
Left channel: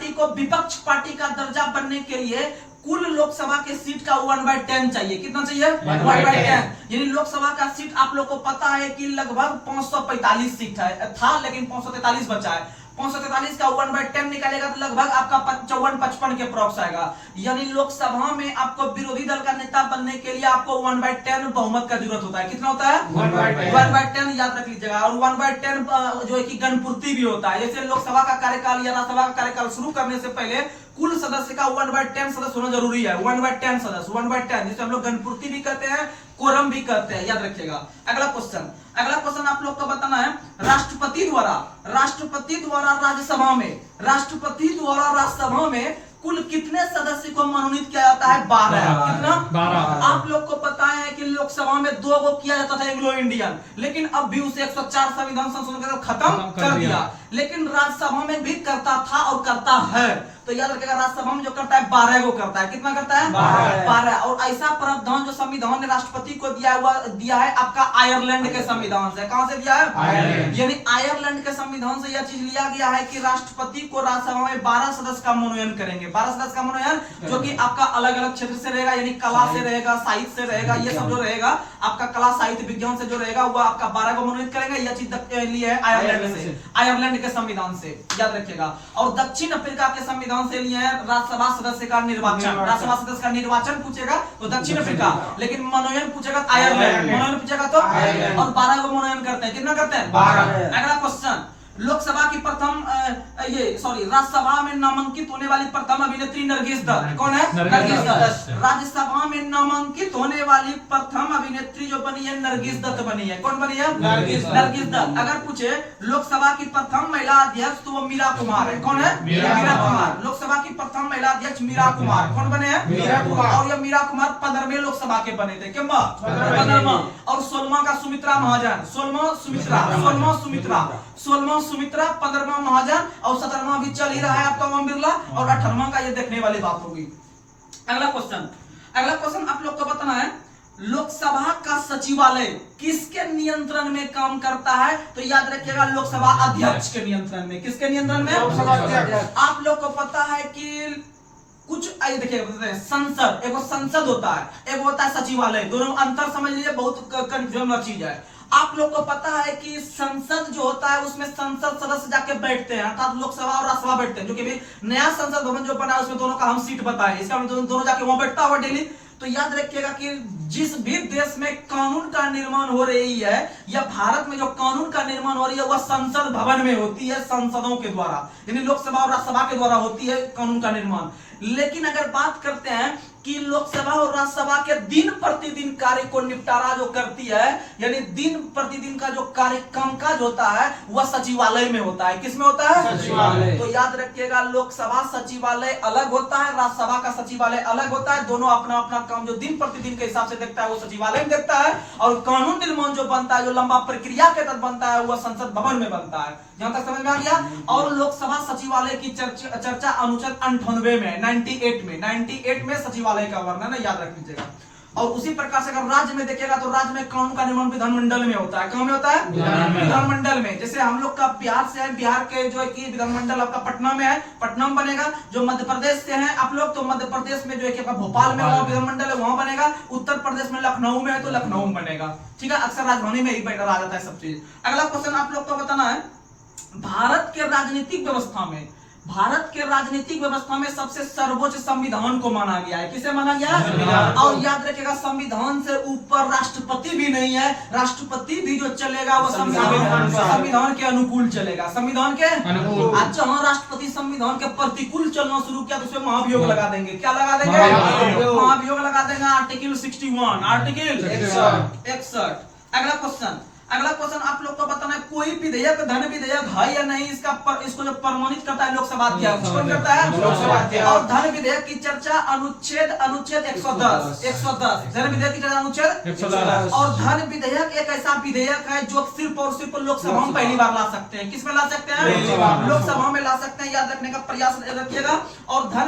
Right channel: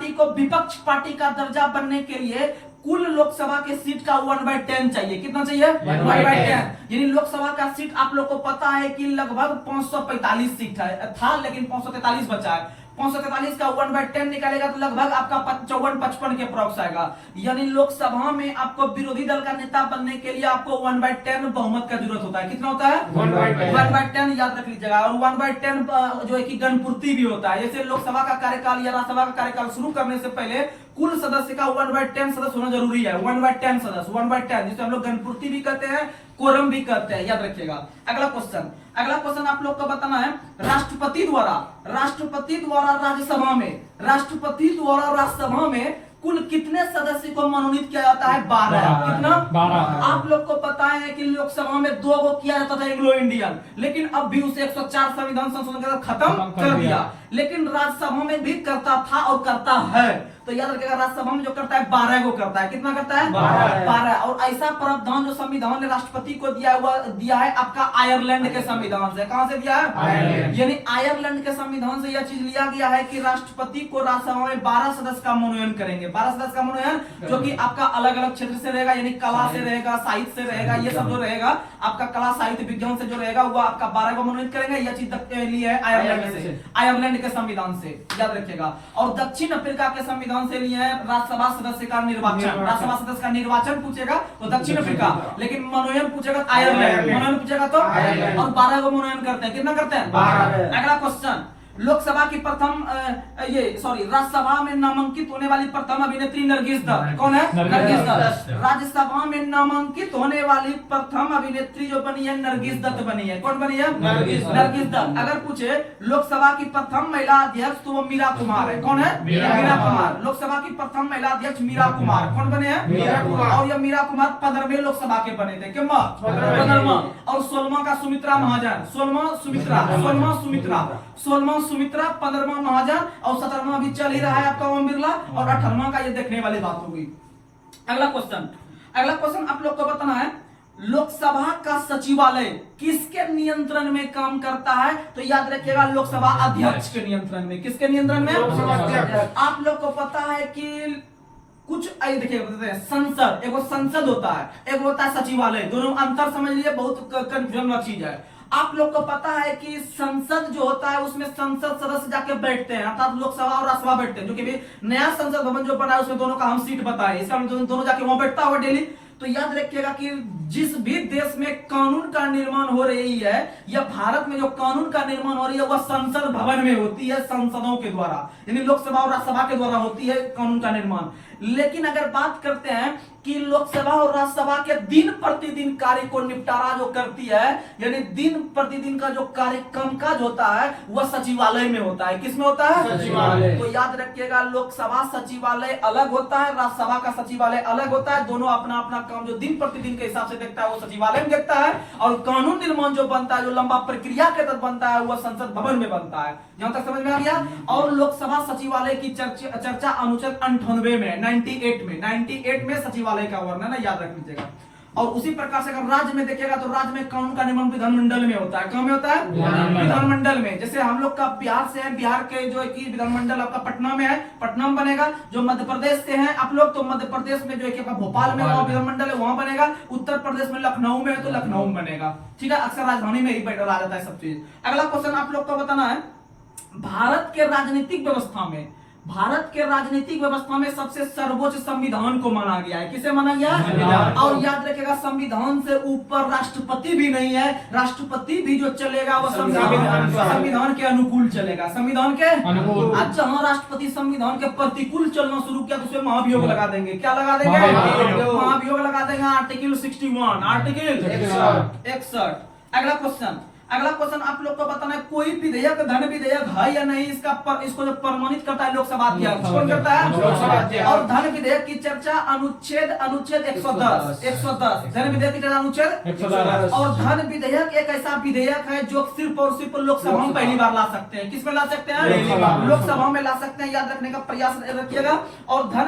को विपक्ष पार्टी का दर्जा बनने के लिए कुल लोकसभा के सीट का 1/10 चाहिए। कितना चाहिए? 1/10। यानी लोकसभा का सीट आप लोग को पता है कि लगभग 545 सीट था, लेकिन 543 बचा है। 543 का 1/10 निकालेगा तो लगभग आपका 54-55 के अप्रॉक्स आएगा। यानी लोकसभा में आपको विरोधी दल का नेता बनने के लिए आपको 1/10 बहुमत का जरूरत होता है। कितना होता है? 1/10 याद रख लीजिएगा। और 1/10 जो है कि गणपूर्ति भी होता है। जैसे लोकसभा का कार्यकाल या राज्यसभा का कार्यकाल शुरू करने से पहले कुल सदस्य का 1/10 सदस्य होना जरूरी है। 1/10 सदस्य, 1/10 जिसे हम लोग गणपूर्ति भी कहते हैं, कोरम भी कहते हैं, याद रखिएगा। अगला क्वेश्चन आप लोग को बताना है, राष्ट्रपति द्वारा राज्यसभा में कुल कितने सदस्य को मनोनीत किया जाता है? 12। कितना? 12। आप लोग को पता है कि लोकसभा में 2 को किया जाता था एंग्लो इंडियन, लेकिन अब भी उसे 104 संविधान संशोधन के साथ खत्म कर दिया। लेकिन राज्यसभा में भी करता था और करता है। तो याद रखिएगा राज्यसभा में जो करता है 12 को करता है। कितना करता है? 12। और ऐसा प्रावधान जो संविधान ने राष्ट्रपति को दिया है आपका आयरलैंड के संविधान से। कहां से दिया है? यानी आयरलैंड के संविधान से यह चीज लिया गया है कि राष्ट्रपति को राज्यसभा में 12 सदस्य का मनोनयन करेंगे। 12 सदस्य का मनोनयन जो कि आपका अलग अलग क्षेत्र से रहेगा, यानी कला से रहेगा, साहित्य से रहेगा, ये सब जो रहेगा आपका कला साहित्य विज्ञान से जो रहेगा वह आपका 12 को मनोनीत करेंगे। यह चीज ली है आयरलैंड से, आयरलैंड के संविधान से, याद रखिएगा। और दक्षिण अफ्रीका के संविधान से लिए है राज्यसभा सदस्य का निर्वाचन। राज्यसभा सदस्य का निर्वाचन पूछेगा तो दक्षिण अफ्रीका, लेकिन मनोनयन पूछेगा आयरलैंड, मनोनयन पूछेगा तो और 12 को मनोनयन करते हैं। कितना करते हैं? 12। अगला क्वेश्चन, लोकसभा की प्रथम राज्यसभा में नामांकित होने वाली प्रथम अभिनेत्री नरगिस दत्त। कौन है? नरगिस दत्त। राज्यसभा में नामांकित होने वाली प्रथम अभिनेत्री जो बनी है नरगिस दत्त बनी है। कौन बनी है? नरगिस दत्त। अगर पूछे लोकसभा की प्रथम महिला अध्यक्ष तो वो मीरा कुमार है। कौन है? मीरा कुमार। लोकसभा की प्रथम महिला अध्यक्ष मीरा कुमार। कौन बने हैं? मीरा कुमार। और ये मीरा कुमार 15वें लोकसभा के बने थे। क्या 15वां? और 16वां का सुमित्रा महाजन। 16वां सुमित्रा, 15वां महाजन और 17वां भी चल ही रहा है आपका ओम बिरला और 18वां का ये देखने वाली बात होगी। अगला क्वेश्चन आप लोग को बताना है, लोकसभा का सचिवालय किसके नियंत्रण में काम करता है? तो याद रखिएगा लोकसभा अध्यक्ष के नियंत्रण में। किसके नियंत्रण में? आप लोग को पता है कि कुछ देखिए संसद, एक संसद होता है, एक होता है सचिवालय। दोनों अंतर समझ लीजिए, बहुत कंफ्यूजन वाली चीज है। आप लोग को पता है कि संसद जो होता है उसमें संसद सदस्य जाके बैठते हैं, अर्थात लोकसभा और राज्यसभा बैठते हैं। जो कि भी नया संसद भवन जो बना है उसमें दोनों का हम सीट बताए, इसका दोनों जाके वहां बैठता हुआ डेली। तो याद रखिएगा कि जिस भी देश में कानून का निर्माण हो रही है या भारत में जो कानून का निर्माण हो रही है वह संसद भवन में होती है, संसदों के द्वारा, यानी लोकसभा और राज्यसभा के द्वारा होती है कानून का निर्माण। लेकिन अगर बात करते हैं कि लोकसभा और राज्यसभा के दिन प्रतिदिन कार्य को निपटारा जो करती है, यानी दिन प्रतिदिन का जो कार्य कामकाज होता है वह सचिवालय में होता है। किसमें होता है? सचिवालय। तो याद रखिएगा लोकसभा सचिवालय अलग होता है, राज्यसभा का सचिवालय अलग होता है। दोनों अपना अपना काम जो दिन प्रतिदिन के हिसाब से देखता है वो सचिवालय में देखता है, और कानून निर्माण जो बनता है, जो लंबा प्रक्रिया के तहत बनता है, वह संसद भवन में बनता है। यहां तक समझ में आ गया? और लोकसभा सचिवालय की चर्चा अनुच्छेद 98 में, 98 में सचिवालय का वर्णन है, याद रख लीजिएगा। और उसी प्रकार से अगर राज्य में देखिएगा तो राज्य में कानून का निर्माण विधानमंडल में होता है। कहां में होता है? विधानमंडल में। जैसे हम लोग का बिहार से है, बिहार के जो है कि विधानमंडल आपका पटना में है, पटना में बनेगा। जो मध्य प्रदेश से हैं आप लोग तो मध्य प्रदेश में जो है कि आपका भोपाल में वहां विधानमंडल है, वहां बनेगा। उत्तर प्रदेश में लखनऊ में है तो लखनऊ में बनेगा। ठीक है, अक्सर राजधानी में ही बैठा रह जाता है सब चीज। अगला क्वेश्चन आप लोग को बताना है, भारत के राजनीतिक व्यवस्था में सबसे सर्वोच्च संविधान को माना गया है। किसे माना गया? और याद रखिएगा संविधान से ऊपर राष्ट्रपति भी नहीं है। राष्ट्रपति भी जो चलेगा वो संविधान के अनुकूल चलेगा। संविधान के अनुकूल। आज जहां राष्ट्रपति संविधान के प्रतिकूल चलना शुरू किया तो उसमें महाभियोग लगा देंगे। क्या लगा देंगे? महाभियोग लगा देंगे। Article 61, article 61। अगला क्वेश्चन आप लोग को बताना है, कोई विधेयक धन विधेयक है या नहीं, इसको जो प्रमाणित करता है लोकसभा अध्यक्ष। कौन करता है? लोकसभा अध्यक्ष। और धन विधेयक की चर्चा अनुच्छेद 110 धन विधेयक की चर्चा अनुच्छेद 110। और धन विधेयक एक ऐसा विधेयक है जो सिर्फ और सिर्फ लोकसभा में पहली बार ला सकते हैं। किसमें ला सकते हैं? लोकसभा में ला सकते हैं, याद रखने का प्रयास रखिएगा। और धन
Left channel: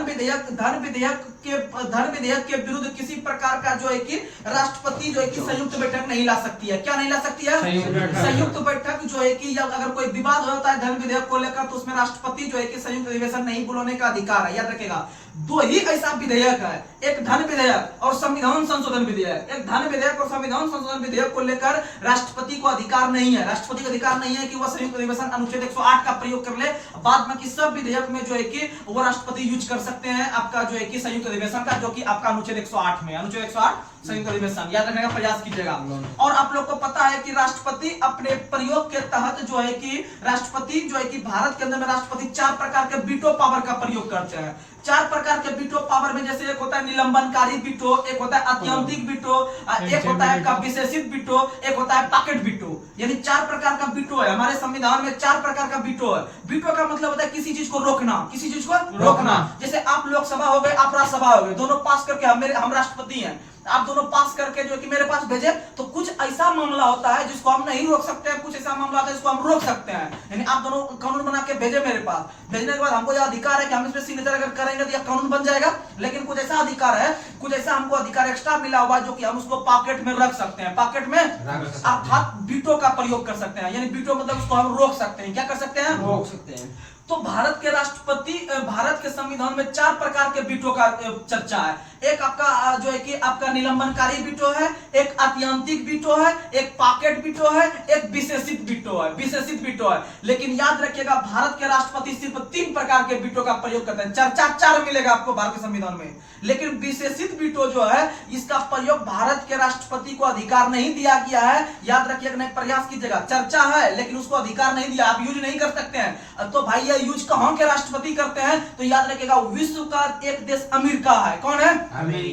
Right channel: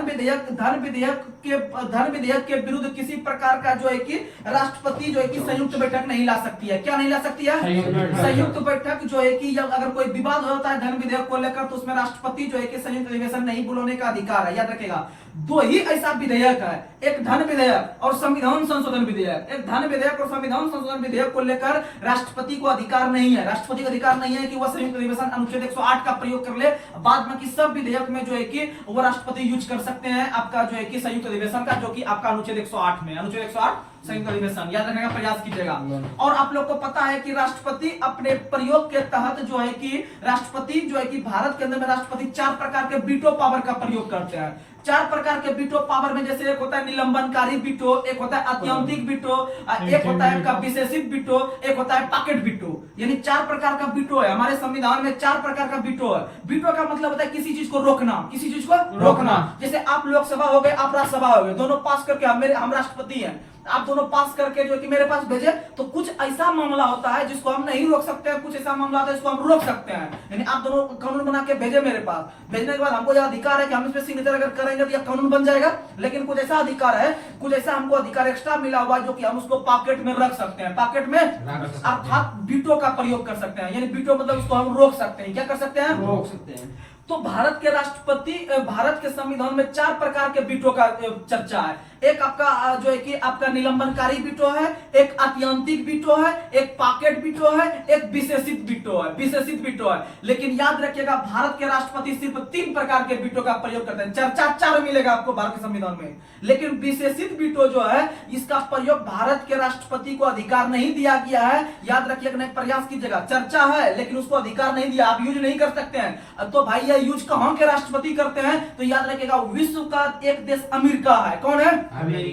विधेयक के विरुद्ध किसी प्रकार का जो है कि राष्ट्रपति जो है कि संयुक्त बैठक नहीं ला सकती है। क्या नहीं ला सकती है? संयुक्त बैठक जो है कि अगर कोई विवाद होता है धन विधेयक को लेकर तो उसमें राष्ट्रपति जो है कि संयुक्त अधिवेशन नहीं बुलाने का अधिकार है। याद रखेगा, दो ही ऐसा विधेयक है, एक धन विधेयक और संविधान संशोधन विधेयक। एक धन विधेयक और संविधान संशोधन विधेयक को लेकर राष्ट्रपति को अधिकार नहीं है। राष्ट्रपति को अधिकार नहीं है कि वह संयुक्त अधिवेशन अनुच्छेद 108 का प्रयोग कर ले। बाद में कि सब विधेयक में जो है कि वो राष्ट्रपति यूज कर सकते हैं आपका जो है कि संयुक्त अधिवेशन का, जो कि आपका अनुच्छेद 108 में, अनुच्छेद 108 संयुक्त अधिवेशन, याद रखने का प्रयास कीजिएगा। और आप लोग को पता है कि राष्ट्रपति अपने प्रयोग के तहत जो है कि राष्ट्रपति जो है कि भारत के अंदर में राष्ट्रपति 4 प्रकार के वीटो पावर का प्रयोग करते हैं। 4 प्रकार के वीटो पावर में जैसे एक होता है निलंबनकारी वीटो, एक होता है अत्यंतिक वीटो, एक होता है आपका विशेषित वीटो, एक होता है पॉकेट वीटो। यानी 4 प्रकार का वीटो है हमारे संविधान में। 4 प्रकार का वीटो है। वीटो का मतलब होता है किसी चीज को रोकना, किसी चीज को रोकना। जैसे आप लोकसभा हो गए, आप राज्यसभा हो गए, दोनों पास करके हम राष्ट्रपति हैं, आप दोनों पास करके जो कि मेरे पास भेजे, तो कुछ ऐसा मामला होता है जिसको हम नहीं रोक सकते हैं, कुछ ऐसा मामला होता है जिसको हम रोक सकते हैं। यानी आप दोनों कानून बना के भेजे मेरे पास, भेजने के बाद हमको यह अधिकार है कि हम इस पे सिग्नेचर अगर करेंगे तो यह कानून बन जाएगा। लेकिन कुछ ऐसा अधिकार है, कुछ ऐसा हमको अधिकार एक्स्ट्रा मिला हुआ है जो कि हम उसको पॉकेट में रख सकते हैं। पॉकेट में अर्थात वीटो का प्रयोग कर सकते हैं। यानी वीटो मतलब उसको हम रोक सकते हैं। क्या कर सकते हैं? रोक सकते हैं। तो भारत के राष्ट्रपति, भारत के संविधान में 4 प्रकार के वीटो का चर्चा है। एक आपका जो है कि आपका निलंबनकारी वीटो है, एक आत्यंतिक वीटो है, एक पॉकेट वीटो है, एक विशेषित वीटो है, विशेषित वीटो है। लेकिन याद रखिएगा भारत के राष्ट्रपति सिर्फ 3 प्रकार के वीटो का प्रयोग करते हैं। चर्चा 4 मिलेगा आपको भारत के संविधान में, लेकिन विशेषित वीटो जो है इसका प्रयोग भारत के राष्ट्रपति को अधिकार नहीं दिया गया है। याद रखिएगा, नहीं प्रयास कीजिएगा, चर्चा है लेकिन उसको अधिकार नहीं दिया, आप यूज नहीं कर सकते हैं। तो भाई ये यूज कहां के राष्ट्रपति करते हैं? तो याद रखिएगा विश्व का एक देश अमेरिका है। कौन है?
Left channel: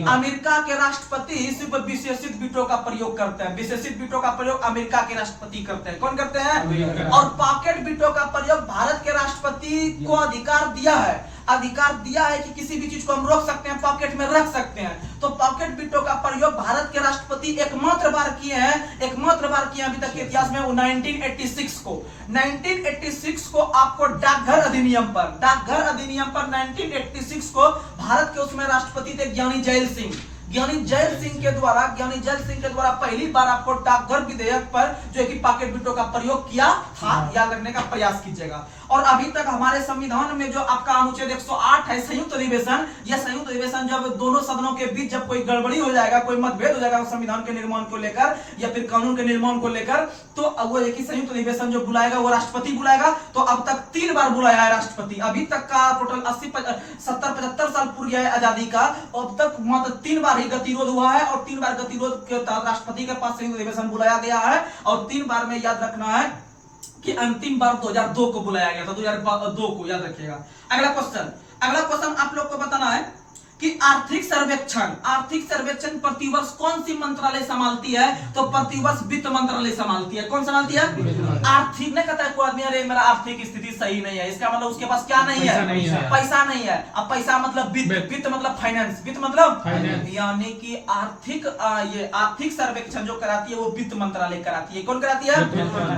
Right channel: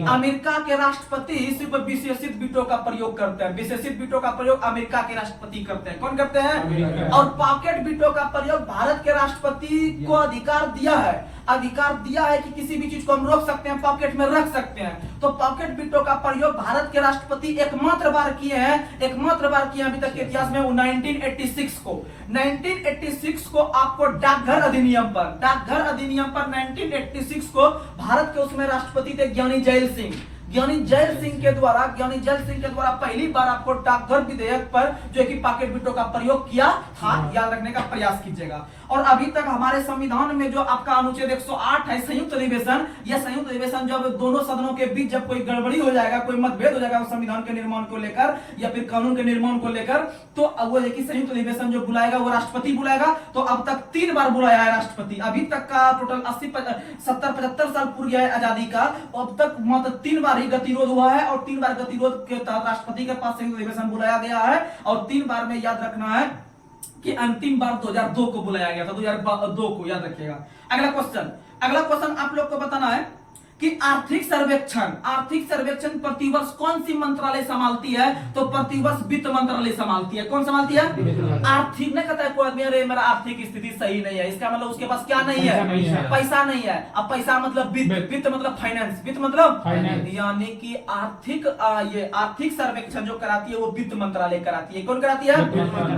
अमेरिका के राष्ट्रपति सिर्फ विशेषित वीटो का प्रयोग करते हैं। विशेषित वीटो का प्रयोग अमेरिका के राष्ट्रपति करते हैं। कौन करते हैं? और पॉकेट वीटो का प्रयोग भारत के राष्ट्रपति को अधिकार दिया है, अधिकार दिया है कि किसी भी चीज को हम रोक सकते हैं, पॉकेट में रख सकते हैं। तो पॉकेट वीटो का प्रयोग भारत के राष्ट्रपति एकमात्र बार किए हैं, एकमात्र बार किए अभी तक के इतिहास में, वो 1986 को। 1986 को आपको डाकघर अधिनियम पर, डाकघर अधिनियम पर 1986 को भारत के उसमें राष्ट्रपति थे ज्ञानी जैल सिंह। ज्ञानी जैल सिंह के द्वारा पहली बार आपको डाकघर विधेयक पर जो है कि पॉकेट वीटो का प्रयोग किया था। याद रखने का प्रयास कीजिएगा। और अभी तक हमारे संविधान में जो आपका अनुच्छेद 108 है संयुक्त अधिवेशन, यह संयुक्त अधिवेशन जब दोनों सदनों के बीच जब कोई गड़बड़ी हो जाएगा, कोई मतभेद हो जाएगा संविधान के निर्माण को लेकर या फिर कानून के निर्माण को लेकर, तो वो एक संयुक्त अधिवेशन जो बुलाएगा वो राष्ट्रपति बुलाएगा। तो अब तक 3 बार बुलाया है राष्ट्रपति। अभी तक का टोटल 80 70 75 साल पूरी है आजादी का, अब तक मात्र 3 बार ही गतिरोध हुआ है और 3 बार गतिरोध के तहत राष्ट्रपति के पास संयुक्त अधिवेशन बुलाया गया है। और 3 बार में याद रखना है कि अंतिम बार 2002 को बुलाया गया था, 2002 को याद रखिएगा। अगला क्वेश्चन आप लोग को बताना है कि आर्थिक सर्वेक्षण प्रतिवर्ष कौन सी मंत्रालय संभालती है? तो प्रतिवर्ष वित्त मंत्रालय संभालती है। कौन संभालती है? आर्थिक। नहीं कहता है कोई आदमी अरे मेरा आर्थिक स्थिति सही नहीं है, इसका मतलब उसके पास क्या नहीं है? पैसा नहीं है। अब पैसा मतलब वित्त, वित्त मतलब फाइनेंस, वित्त मतलब यानी कि आर्थिक ये आर्थिक सर्वेक्षण जो कराती है वो वित्त मंत्रालय कराती है। कौन कराती है?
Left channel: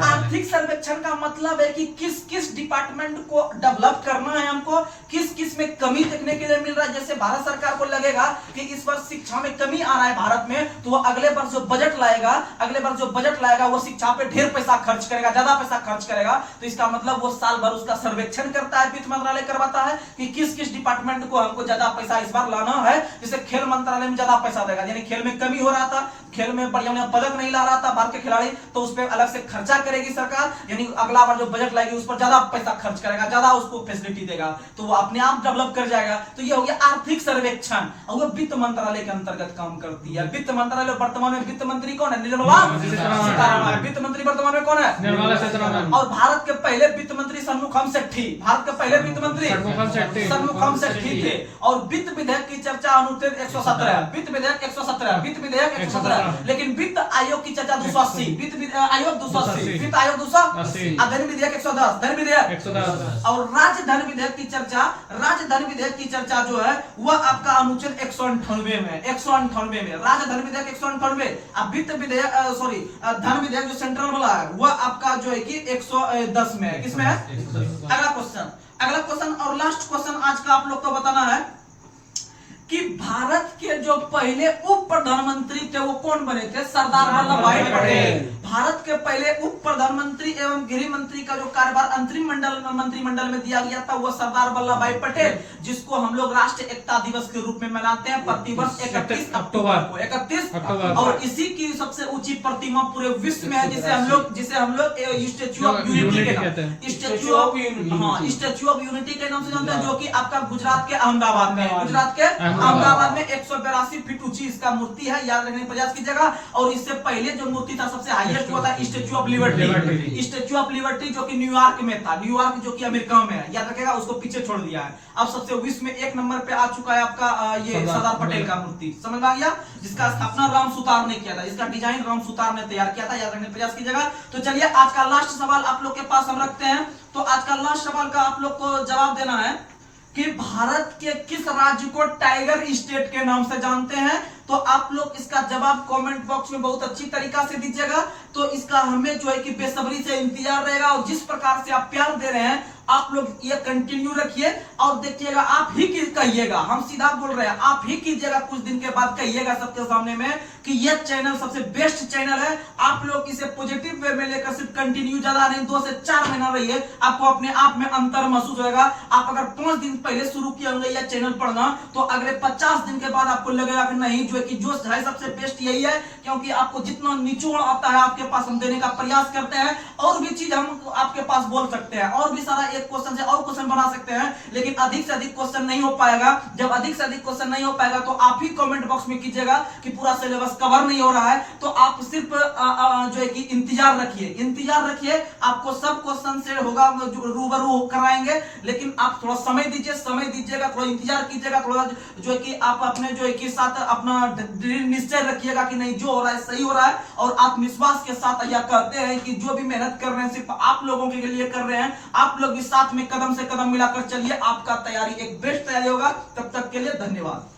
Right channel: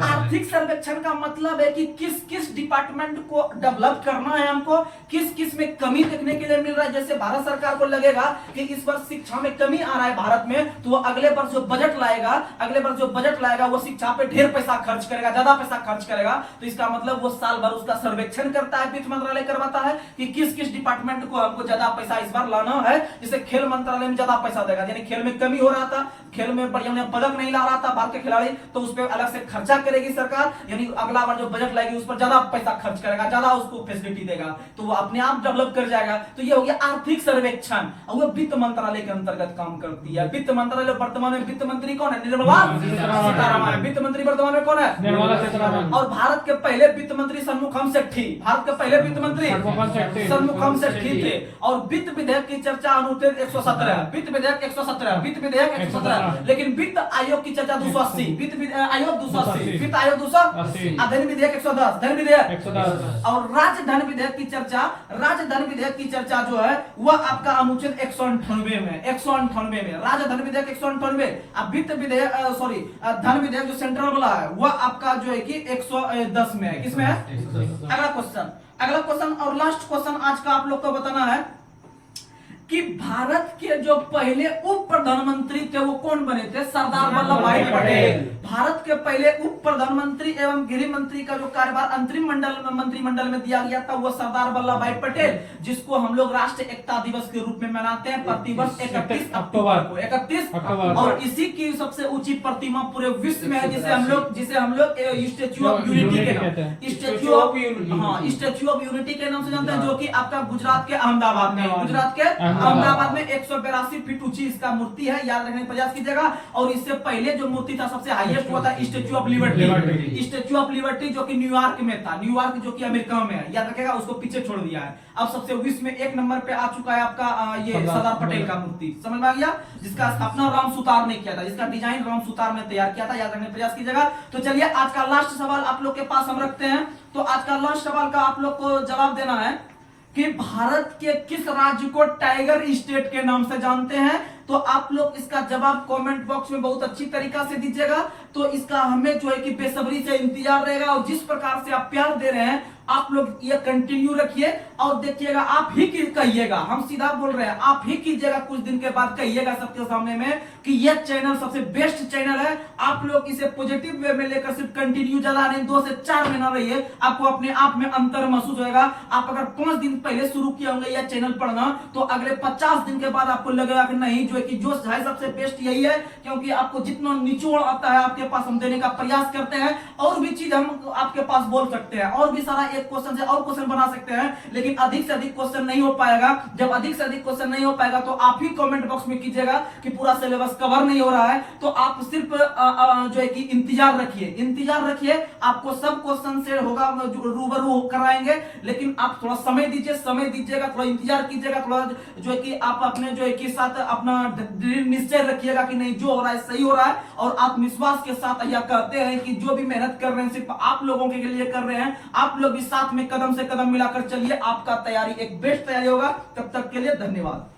आर्थिक सर्वेक्षण का मतलब है कि किस किस डिपार्टमेंट को डेवलप करना है, हमको किस किस में कमी देखने के लिए मिल रहा है। जैसे भारत सरकार को लगेगा कि इस वर्ष शिक्षा में कमी आ रहा है भारत में, तो वो अगले वर्ष जो बजट लाएगा वो शिक्षा पे ढेर पैसा खर्च करेगा, ज्यादा पैसा खर्च करेगा। तो इसका मतलब वो साल भर उसका सर्वेक्षण करता है, वित्त मंत्रालय करवाता है कि किस किस डिपार्टमेंट को हमको ज्यादा पैसा इस बार लाना है। जैसे खेल मंत्रालय में ज्यादा पैसा देगा, यानी खेल में कमी हो रहा था, खेल में बढ़िया पदक नहीं ला रहा था भारत के खिलाड़ी, तो उस पर अलग से खर्चा करेगी सरकार, यानी अगला बार जो बजट लाएगी उस पर ज्यादा पैसा खर्च करेगा, ज्यादा उसको फैसिलिटी देगा, तो वो अपने आप डेवलप कर जाएगा। तो ये हो गया आर्थिक सर्वेक्षण, और वो वित्त मंत्रालय के अंतर्गत काम करती है। वित्त मंत्रालय वर्तमान में वित्त मंत्री कौन है? निर्मला सीतारमण। वित्त मंत्री वर्तमान में कौन है? निर्मला सीतारमण। और भारत के पहले वित्त मंत्री सन्मुखम सेठी, भारत के पहले वित्त मंत्री सन्मुखम सेठी थे। और वित्त विधेयक की चर्चा अनुच्छेद 117, वित्त विधेयक 117, लेकिन वित्त आयोग की चर्चा 280, वित्त आयोग 280, वित्त आयोग 280, धन विधेयक 110, धन विधेयक 110। और राजधन विधेयक की चर्चा, राजधन विधेयक की चर्चा जो है वह आपका अनुच्छेद 198 में, 198 में राजधन विधेयक 198। अब वित्त विधेयक धन विधेयक जो सेंट्रल वाला है वह आपका जो है कि 110 में है। किसमें है? अगला क्वेश्चन और लास्ट क्वेश्चन आज का आप लोग को बताना है कि भारत के जो पहले उप प्रधानमंत्री थे वो कौन बने थे? सरदार वल्लभ भाई पटेल। भारत के पहले उप प्रधानमंत्री एवं गृह मंत्री का जो कार्यभार अंतरिम मंत्रिमंडल में दिया गया था वो सरदार वल्लभ भाई पटेल, जिसको हम लोग राष्ट्रीय एकता दिवस के रूप में मनाते हैं प्रतिवर्ष 31 अक्टूबर को, 31 अक्टूबर। और इसी की सबसे ऊंची प्रतिमा पूरे विश्व में है, जिसे हम लोग स्टैच्यू ऑफ यूनिटी के नाम, स्टैच्यू ऑफ यूनिटी के नाम से जानते हैं, जो कि आपका गुजरात के अहमदाबाद में, गुजरात के अहमदाबाद में 182 फीट ऊंची इसका मूर्ति है। याद रखने का प्रयास कीजिएगा। और इससे पहले जो मूर्ति था सबसे हाईएस्ट हुआ था statue of liberty, statue of liberty जो कि न्यूयॉर्क में था, न्यूयॉर्क जो कि अमेरिका में है। याद रखेगा, उसको पीछे छोड़ दिया है। अब सबसे विश्व में 1 नंबर पे आ चुका है आपका ये सरदार पटेल का मूर्ति। समझ में आ गया? जिसका स्थापना राम सुतार ने किया था, जिसका डिजाइन राम सुतार ने तैयार किया था। याद रखने का प्रयास कीजिएगा। तो चलिए आज का लास्ट सवाल आप लोग के पास हम रखते हैं। तो आज का लास्ट सवाल का आप लोग को जवाब देना है कि भारत के किस राज्य को टाइगर स्टेट के नाम से जानते हैं? तो आप लोग इसका जवाब कमेंट बॉक्स में बहुत अच्छी तरीका से दीजिएगा। तो इसका हमें जो है कि बेसब्री से इंतजार रहेगा। और जिस प्रकार से आप प्यार दे रहे हैं आप लोग ये कंटिन्यू रखिए और देखिएगा, आप ही कहिएगा, हम सीधा बोल रहे हैं, आप ही कीजिएगा, कुछ दिन के बाद कहिएगा सबके सामने में कि यह चैनल सबसे बेस्ट चैनल है। आप लोग इसे पॉजिटिव वे में लेकर सिर्फ कंटिन्यू, ज्यादा नहीं 2 से 4 महीना रहिए, आपको अपने आप में अंतर महसूस होगा। आप अगर 5 दिन पहले शुरू किए होंगे यह चैनल पढ़ना, तो अगले 50 दिन के बाद आपको लगेगा कि नहीं, जो है कि जो है सबसे बेस्ट यही है, क्योंकि आपको जितना निचोड़ आता है आपके पास हम देने का प्रयास करते हैं। और भी चीज हम आपके पास बोल सकते हैं, और भी सारा एक क्वेश्चन से और क्वेश्चन बना सकते हैं, लेकिन अधिक से अधिक क्वेश्चन नहीं हो पाएगा। जब अधिक से अधिक क्वेश्चन नहीं हो पाएगा तो आप ही कमेंट बॉक्स में कीजिएगा कि पूरा सिलेबस कवर नहीं हो रहा है, तो आप सिर्फ जो है कि इंतजार रखिए, आपको सब क्वेश्चन से होगा रूबरू कराएंगे, लेकिन आप थोड़ा समय दीजिएगा, थोड़ा इंतजार कीजिएगा, थोड़ा जो है कि आप अपने जो है कि साथ अपना निश्चय रखिएगा कि नहीं, जो हो रहा है सही हो रहा है, और आत्मविश्वास के साथ यह कहते हैं कि जो भी मेहनत कर रहे हैं सिर्फ आप लोगों के लिए कर रहे हैं, आप लोग भी साथ में कदम से कदम मिलाकर चलिए, आपका तैयारी एक बेस्ट तैयारी होगा। तब तक के लिए धन्यवाद।